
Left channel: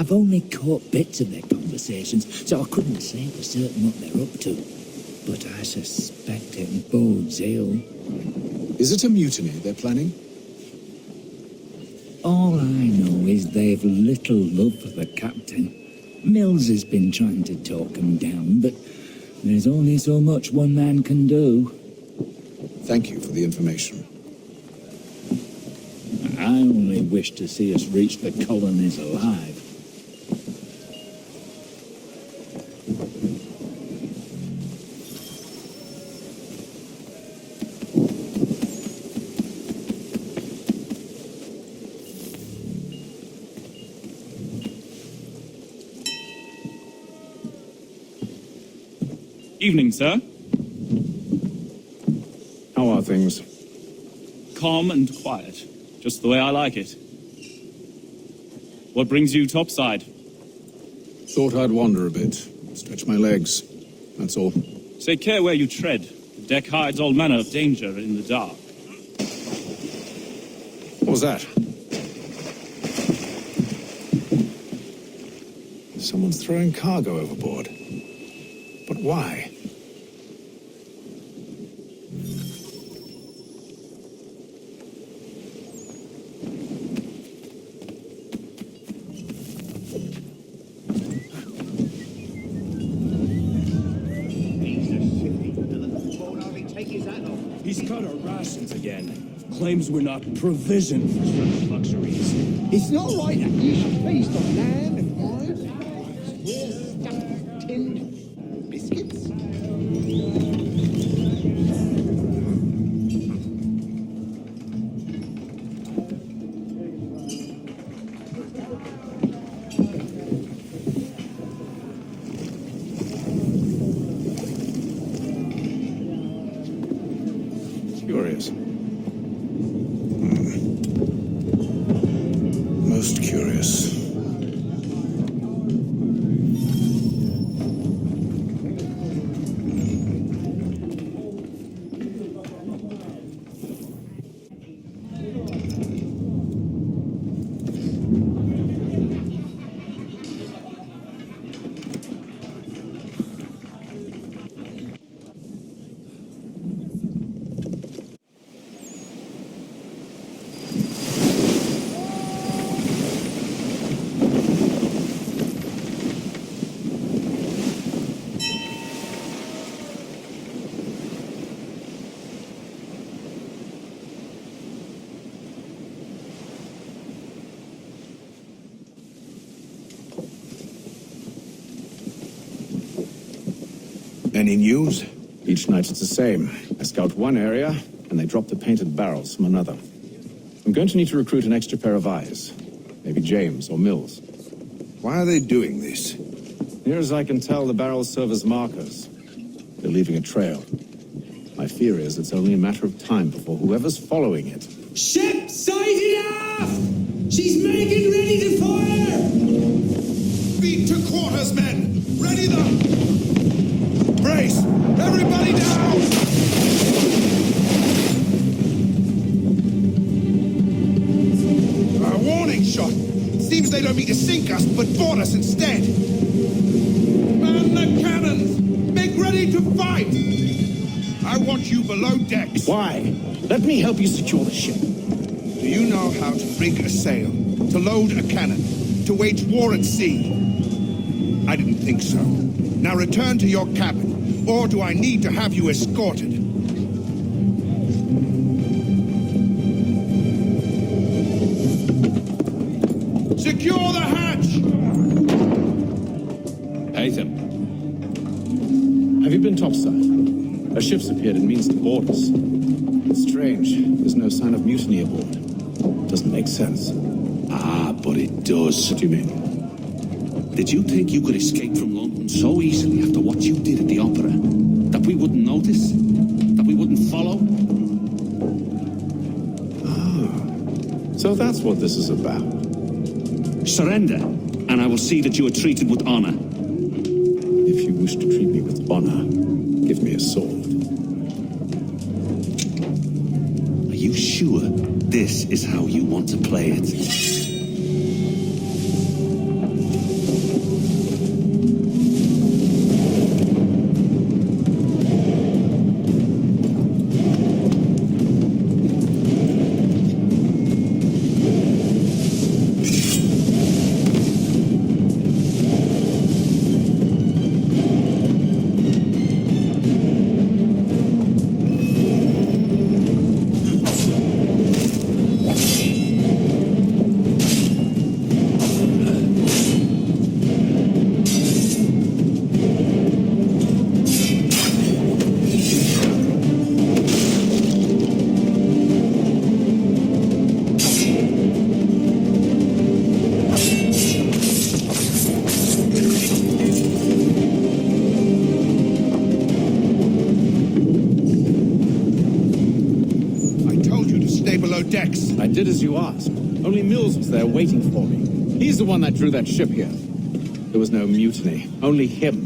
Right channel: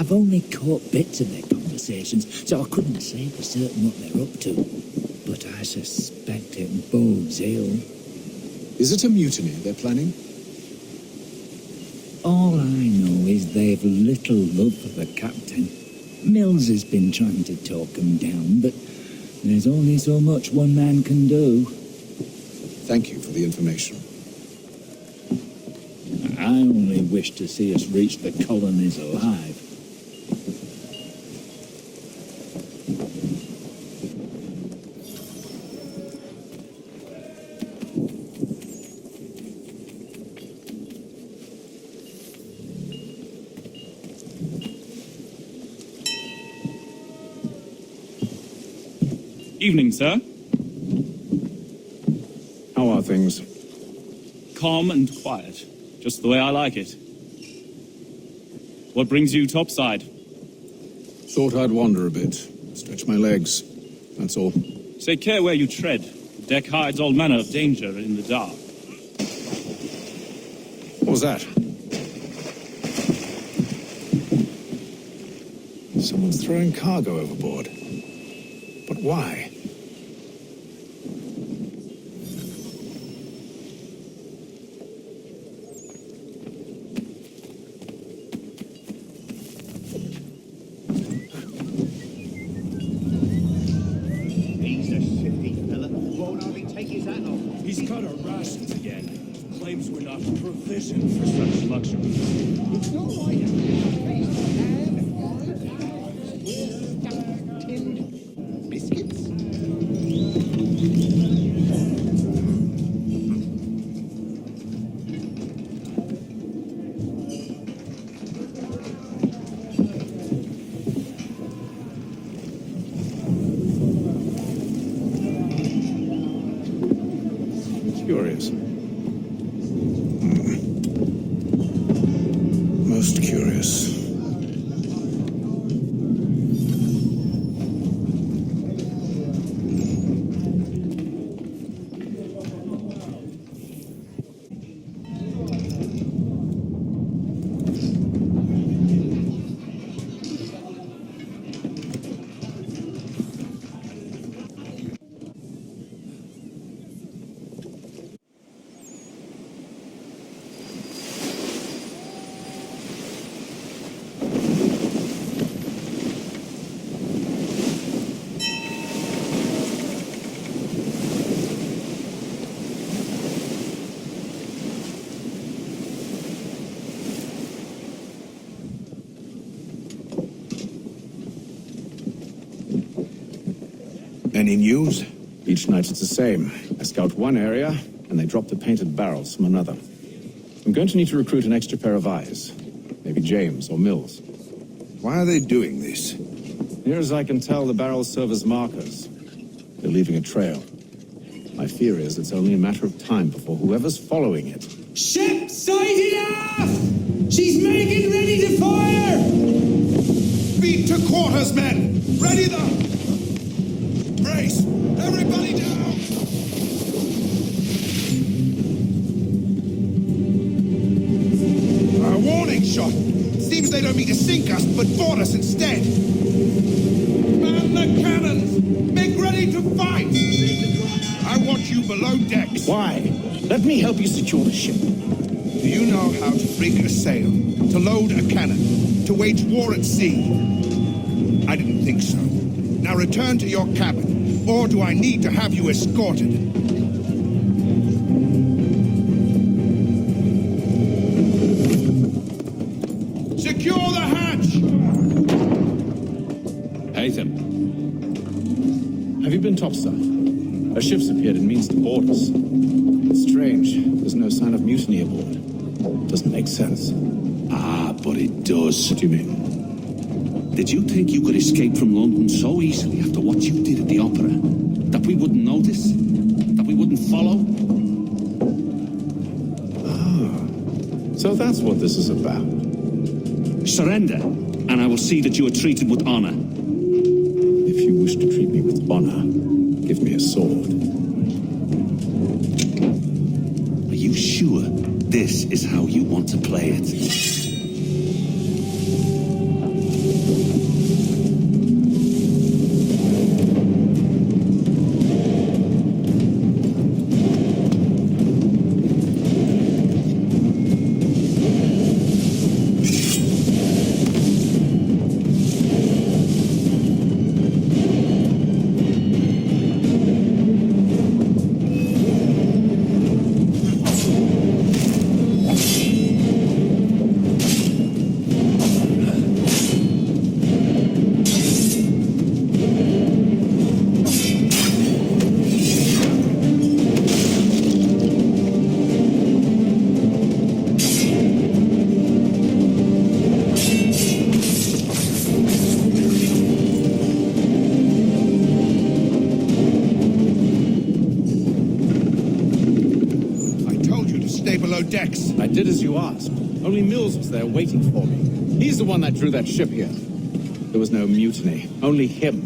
I've only caught bits of their conversations, so I couldn't say for certain what they're up to. But I suspect it bodes ill. Is it a mutiny they're planning? All I know is they've little love for the captain. Mills has been trying to talk him down, but there's only so much one man can do. Thank you for the information. I only wish to see us reach the colonies alive. Evening, sir. How are things? Calm and quiet. Just the way I like it. What brings you topside? Thought I'd wander a bit. Stretch my legs. That's all. Take care where you tread. The deck hides all manner of danger in the dark. What was that? Someone's throwing cargo overboard. But why? He's a shifty fella. Won't hardly take his hat off. He's cut our rations again. Claims we're not provisioned for such luxuries. It's not right that you feast on lamb and wine. We're stuffed tinned biscuits. Curious. Most curious. Any news? Each night it's the same. I scout one area, and they drop the painted barrels from another. I'm going to need to recruit an extra pair of eyes. Maybe James or Mills. Why are they doing this? Near as I can tell, the barrels serve as markers. They're leaving a trail. My fear is it's only a matter of time before whoever's following it. Ship sighted aft! She's making ready to fire! Beat to quarters, men! Ready them! Brace! Everybody down! A warning shot! Seems they don't mean to sink us, but board us instead! Man the cannons! Make ready to fight! I want you below decks. Why? Let me help you secure the ship. Do you know how to rig a sail, to load a cannon, to wage war at sea? I didn't think so. Now return to your cabin, or do I need to have you escorted? Secure the hatch! Haytham. Have you been topside? A ship's appeared and means to board us. It's strange. There's no sign of mutiny aboard. Doesn't make sense. Ah, but it does. What do you mean? Did you think you could escape from London so easily after what you did at the opera? That we wouldn't notice? That we wouldn't follow? Ah. So that's what this is about. Surrender, and I will see that you are treated with honor. If you wish to treat me with honor, give me a sword. Are you sure this is how you want to play it? below decks. I did as you asked. Only Mills was there waiting for me. He's the one that drew that ship here. There was no mutiny, only him.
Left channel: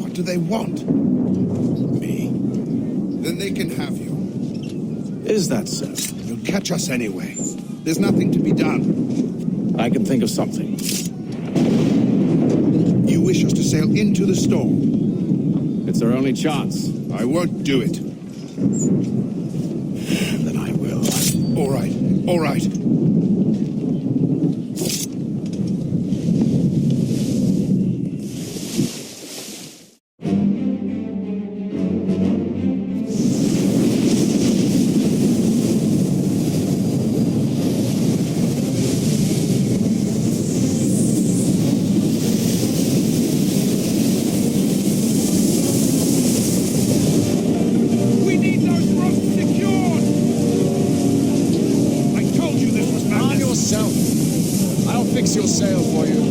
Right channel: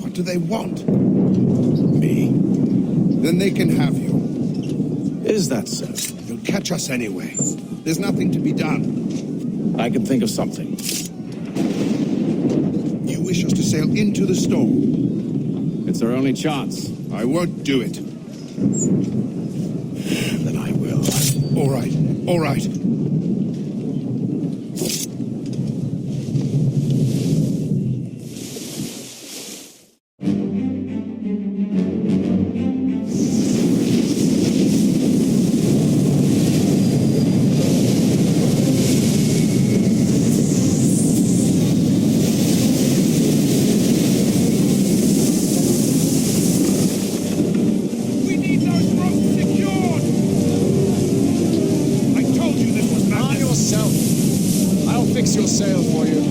What do they want? Me. Then they can have you. Is that so? You'll catch us anyway. There's nothing to be done. I can think of something. You wish us to sail into the storm? It's our only chance. I won't do it. Then I will. All right, all right. We need those ropes secured! I told you this was madness. On yourself. I'll fix your sail for you.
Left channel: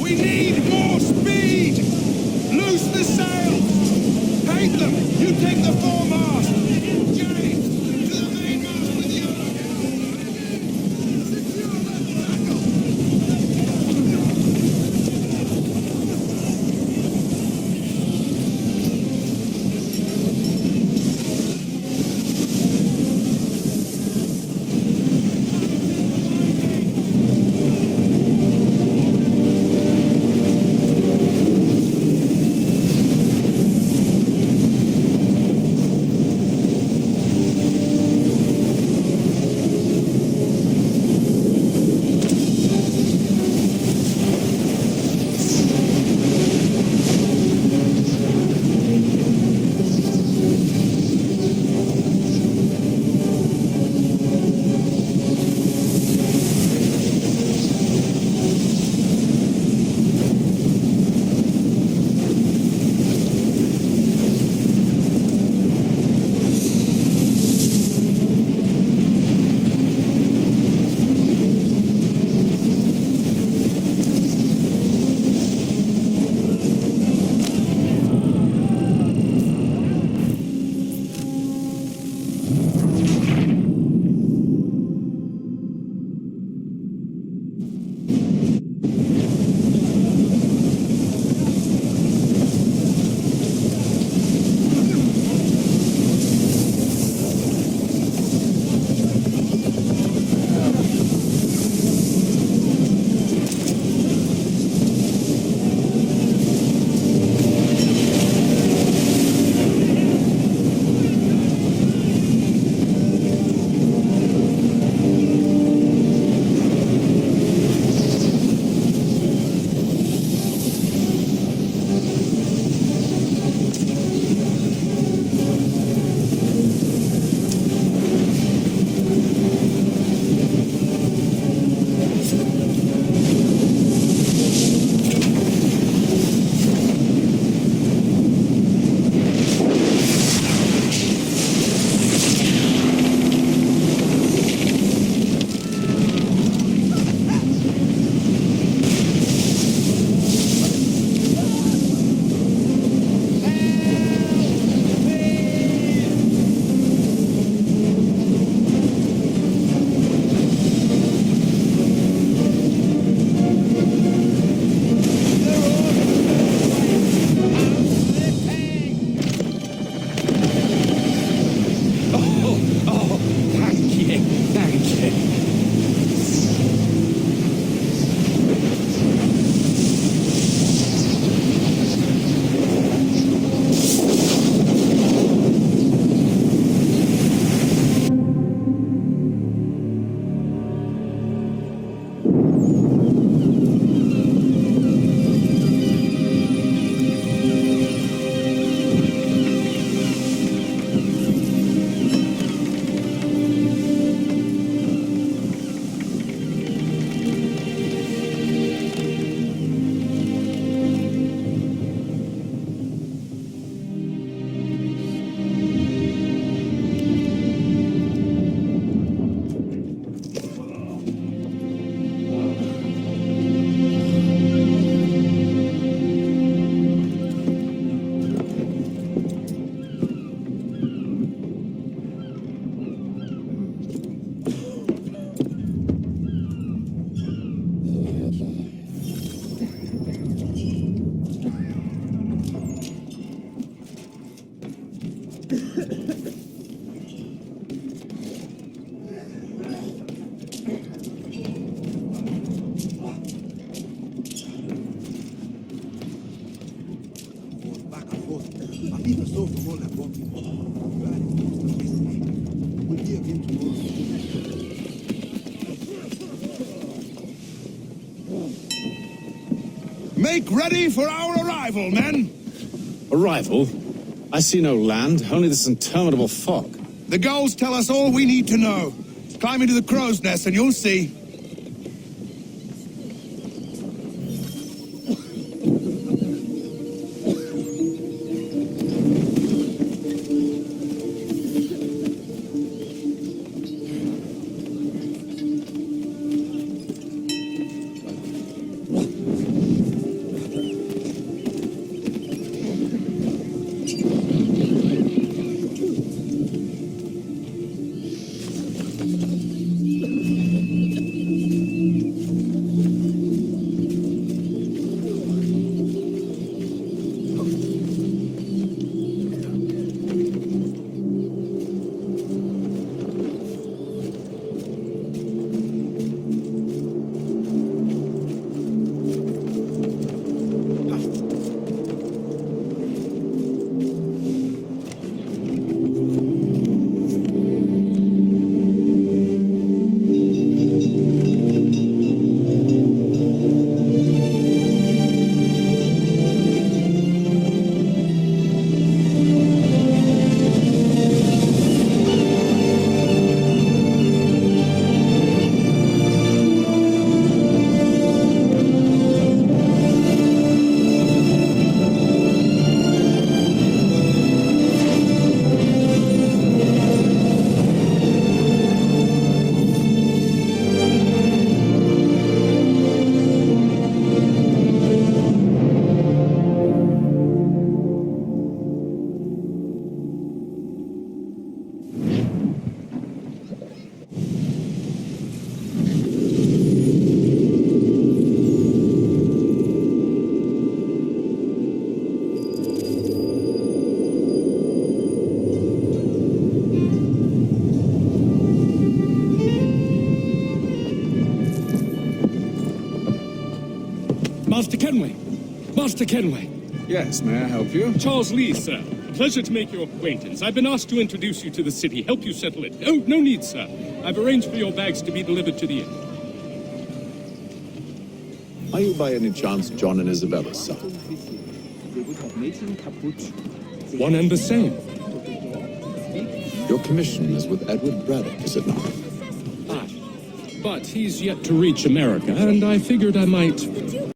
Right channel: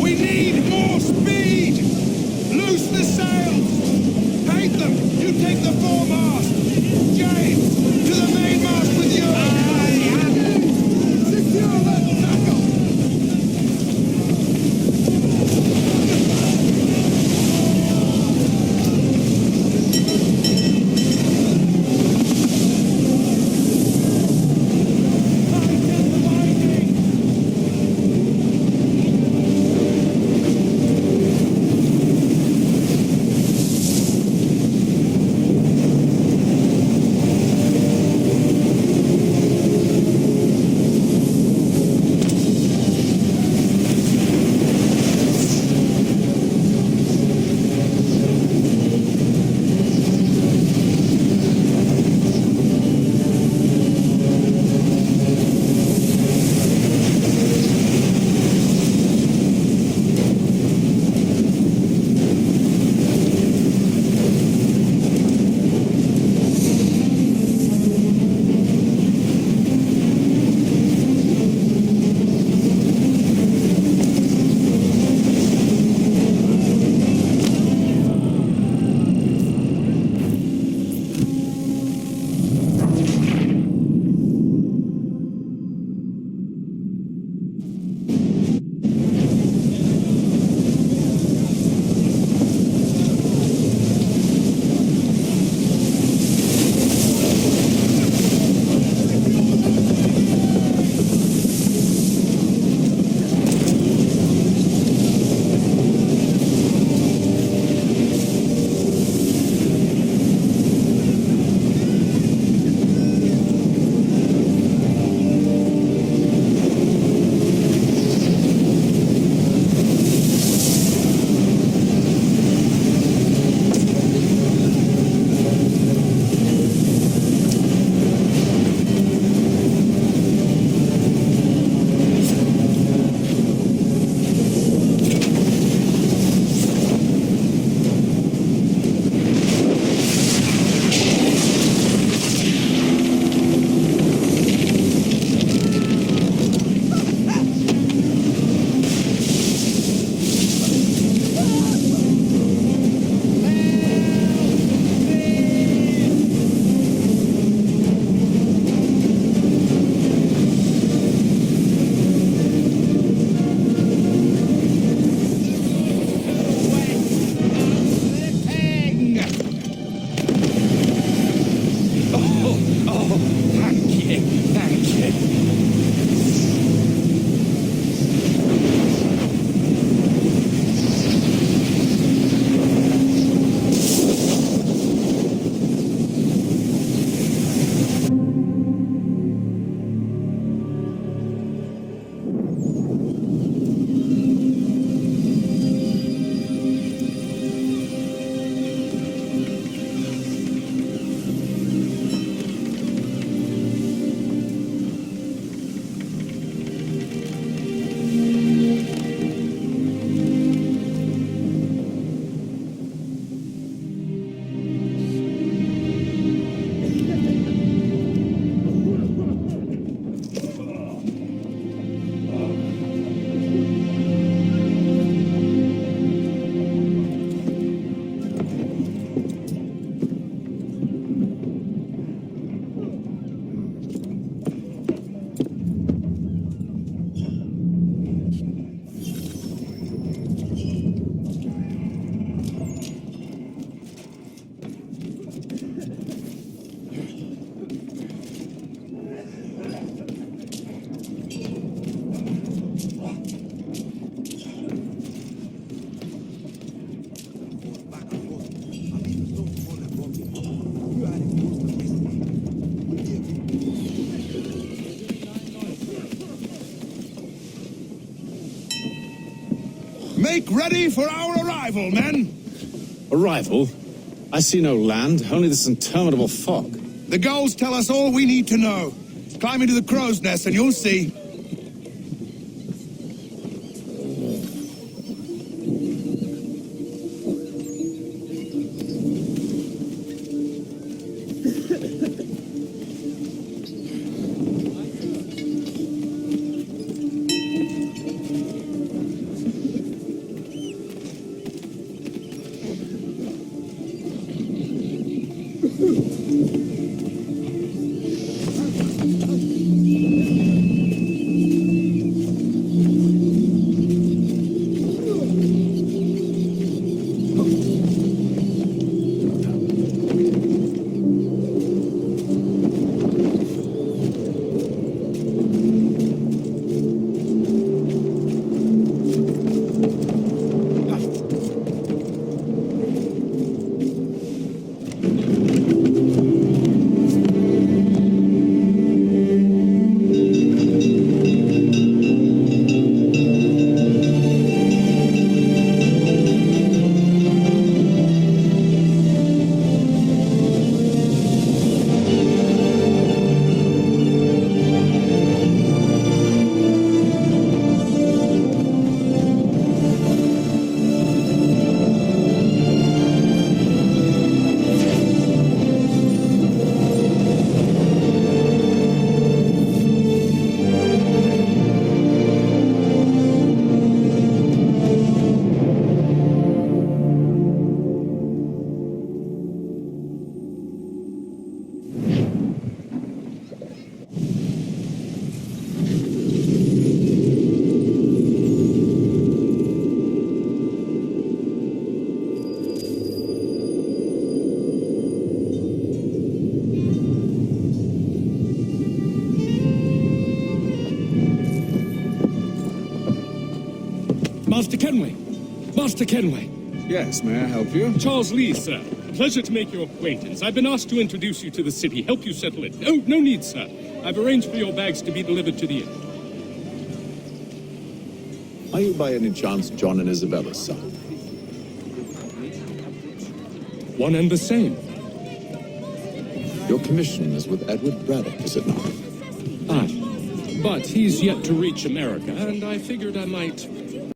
We need more speed! Loose the sails! Paint them! You take the foremast! James, to the mainmast with you! Secure that tackle! Okay. Make ready for our arrival, men! Arrival? I see no land, only this interminable fog. The gulls tell us all we need to know. Climb into the crow's nest and you'll see. Master Kenway! Master Kenway! Yes, may I help you? Charles Lee, sir. Pleasure to make your acquaintance. I've been asked to introduce you to the city, help you settle it. Oh, no need, sir. I've arranged for your bags to be delivered to the inn. Are you by any chance John and Isabella's son? One and the same. Your commission is with Edward Braddock, is it not? Ah, but he's yet to reach America, and I figured I might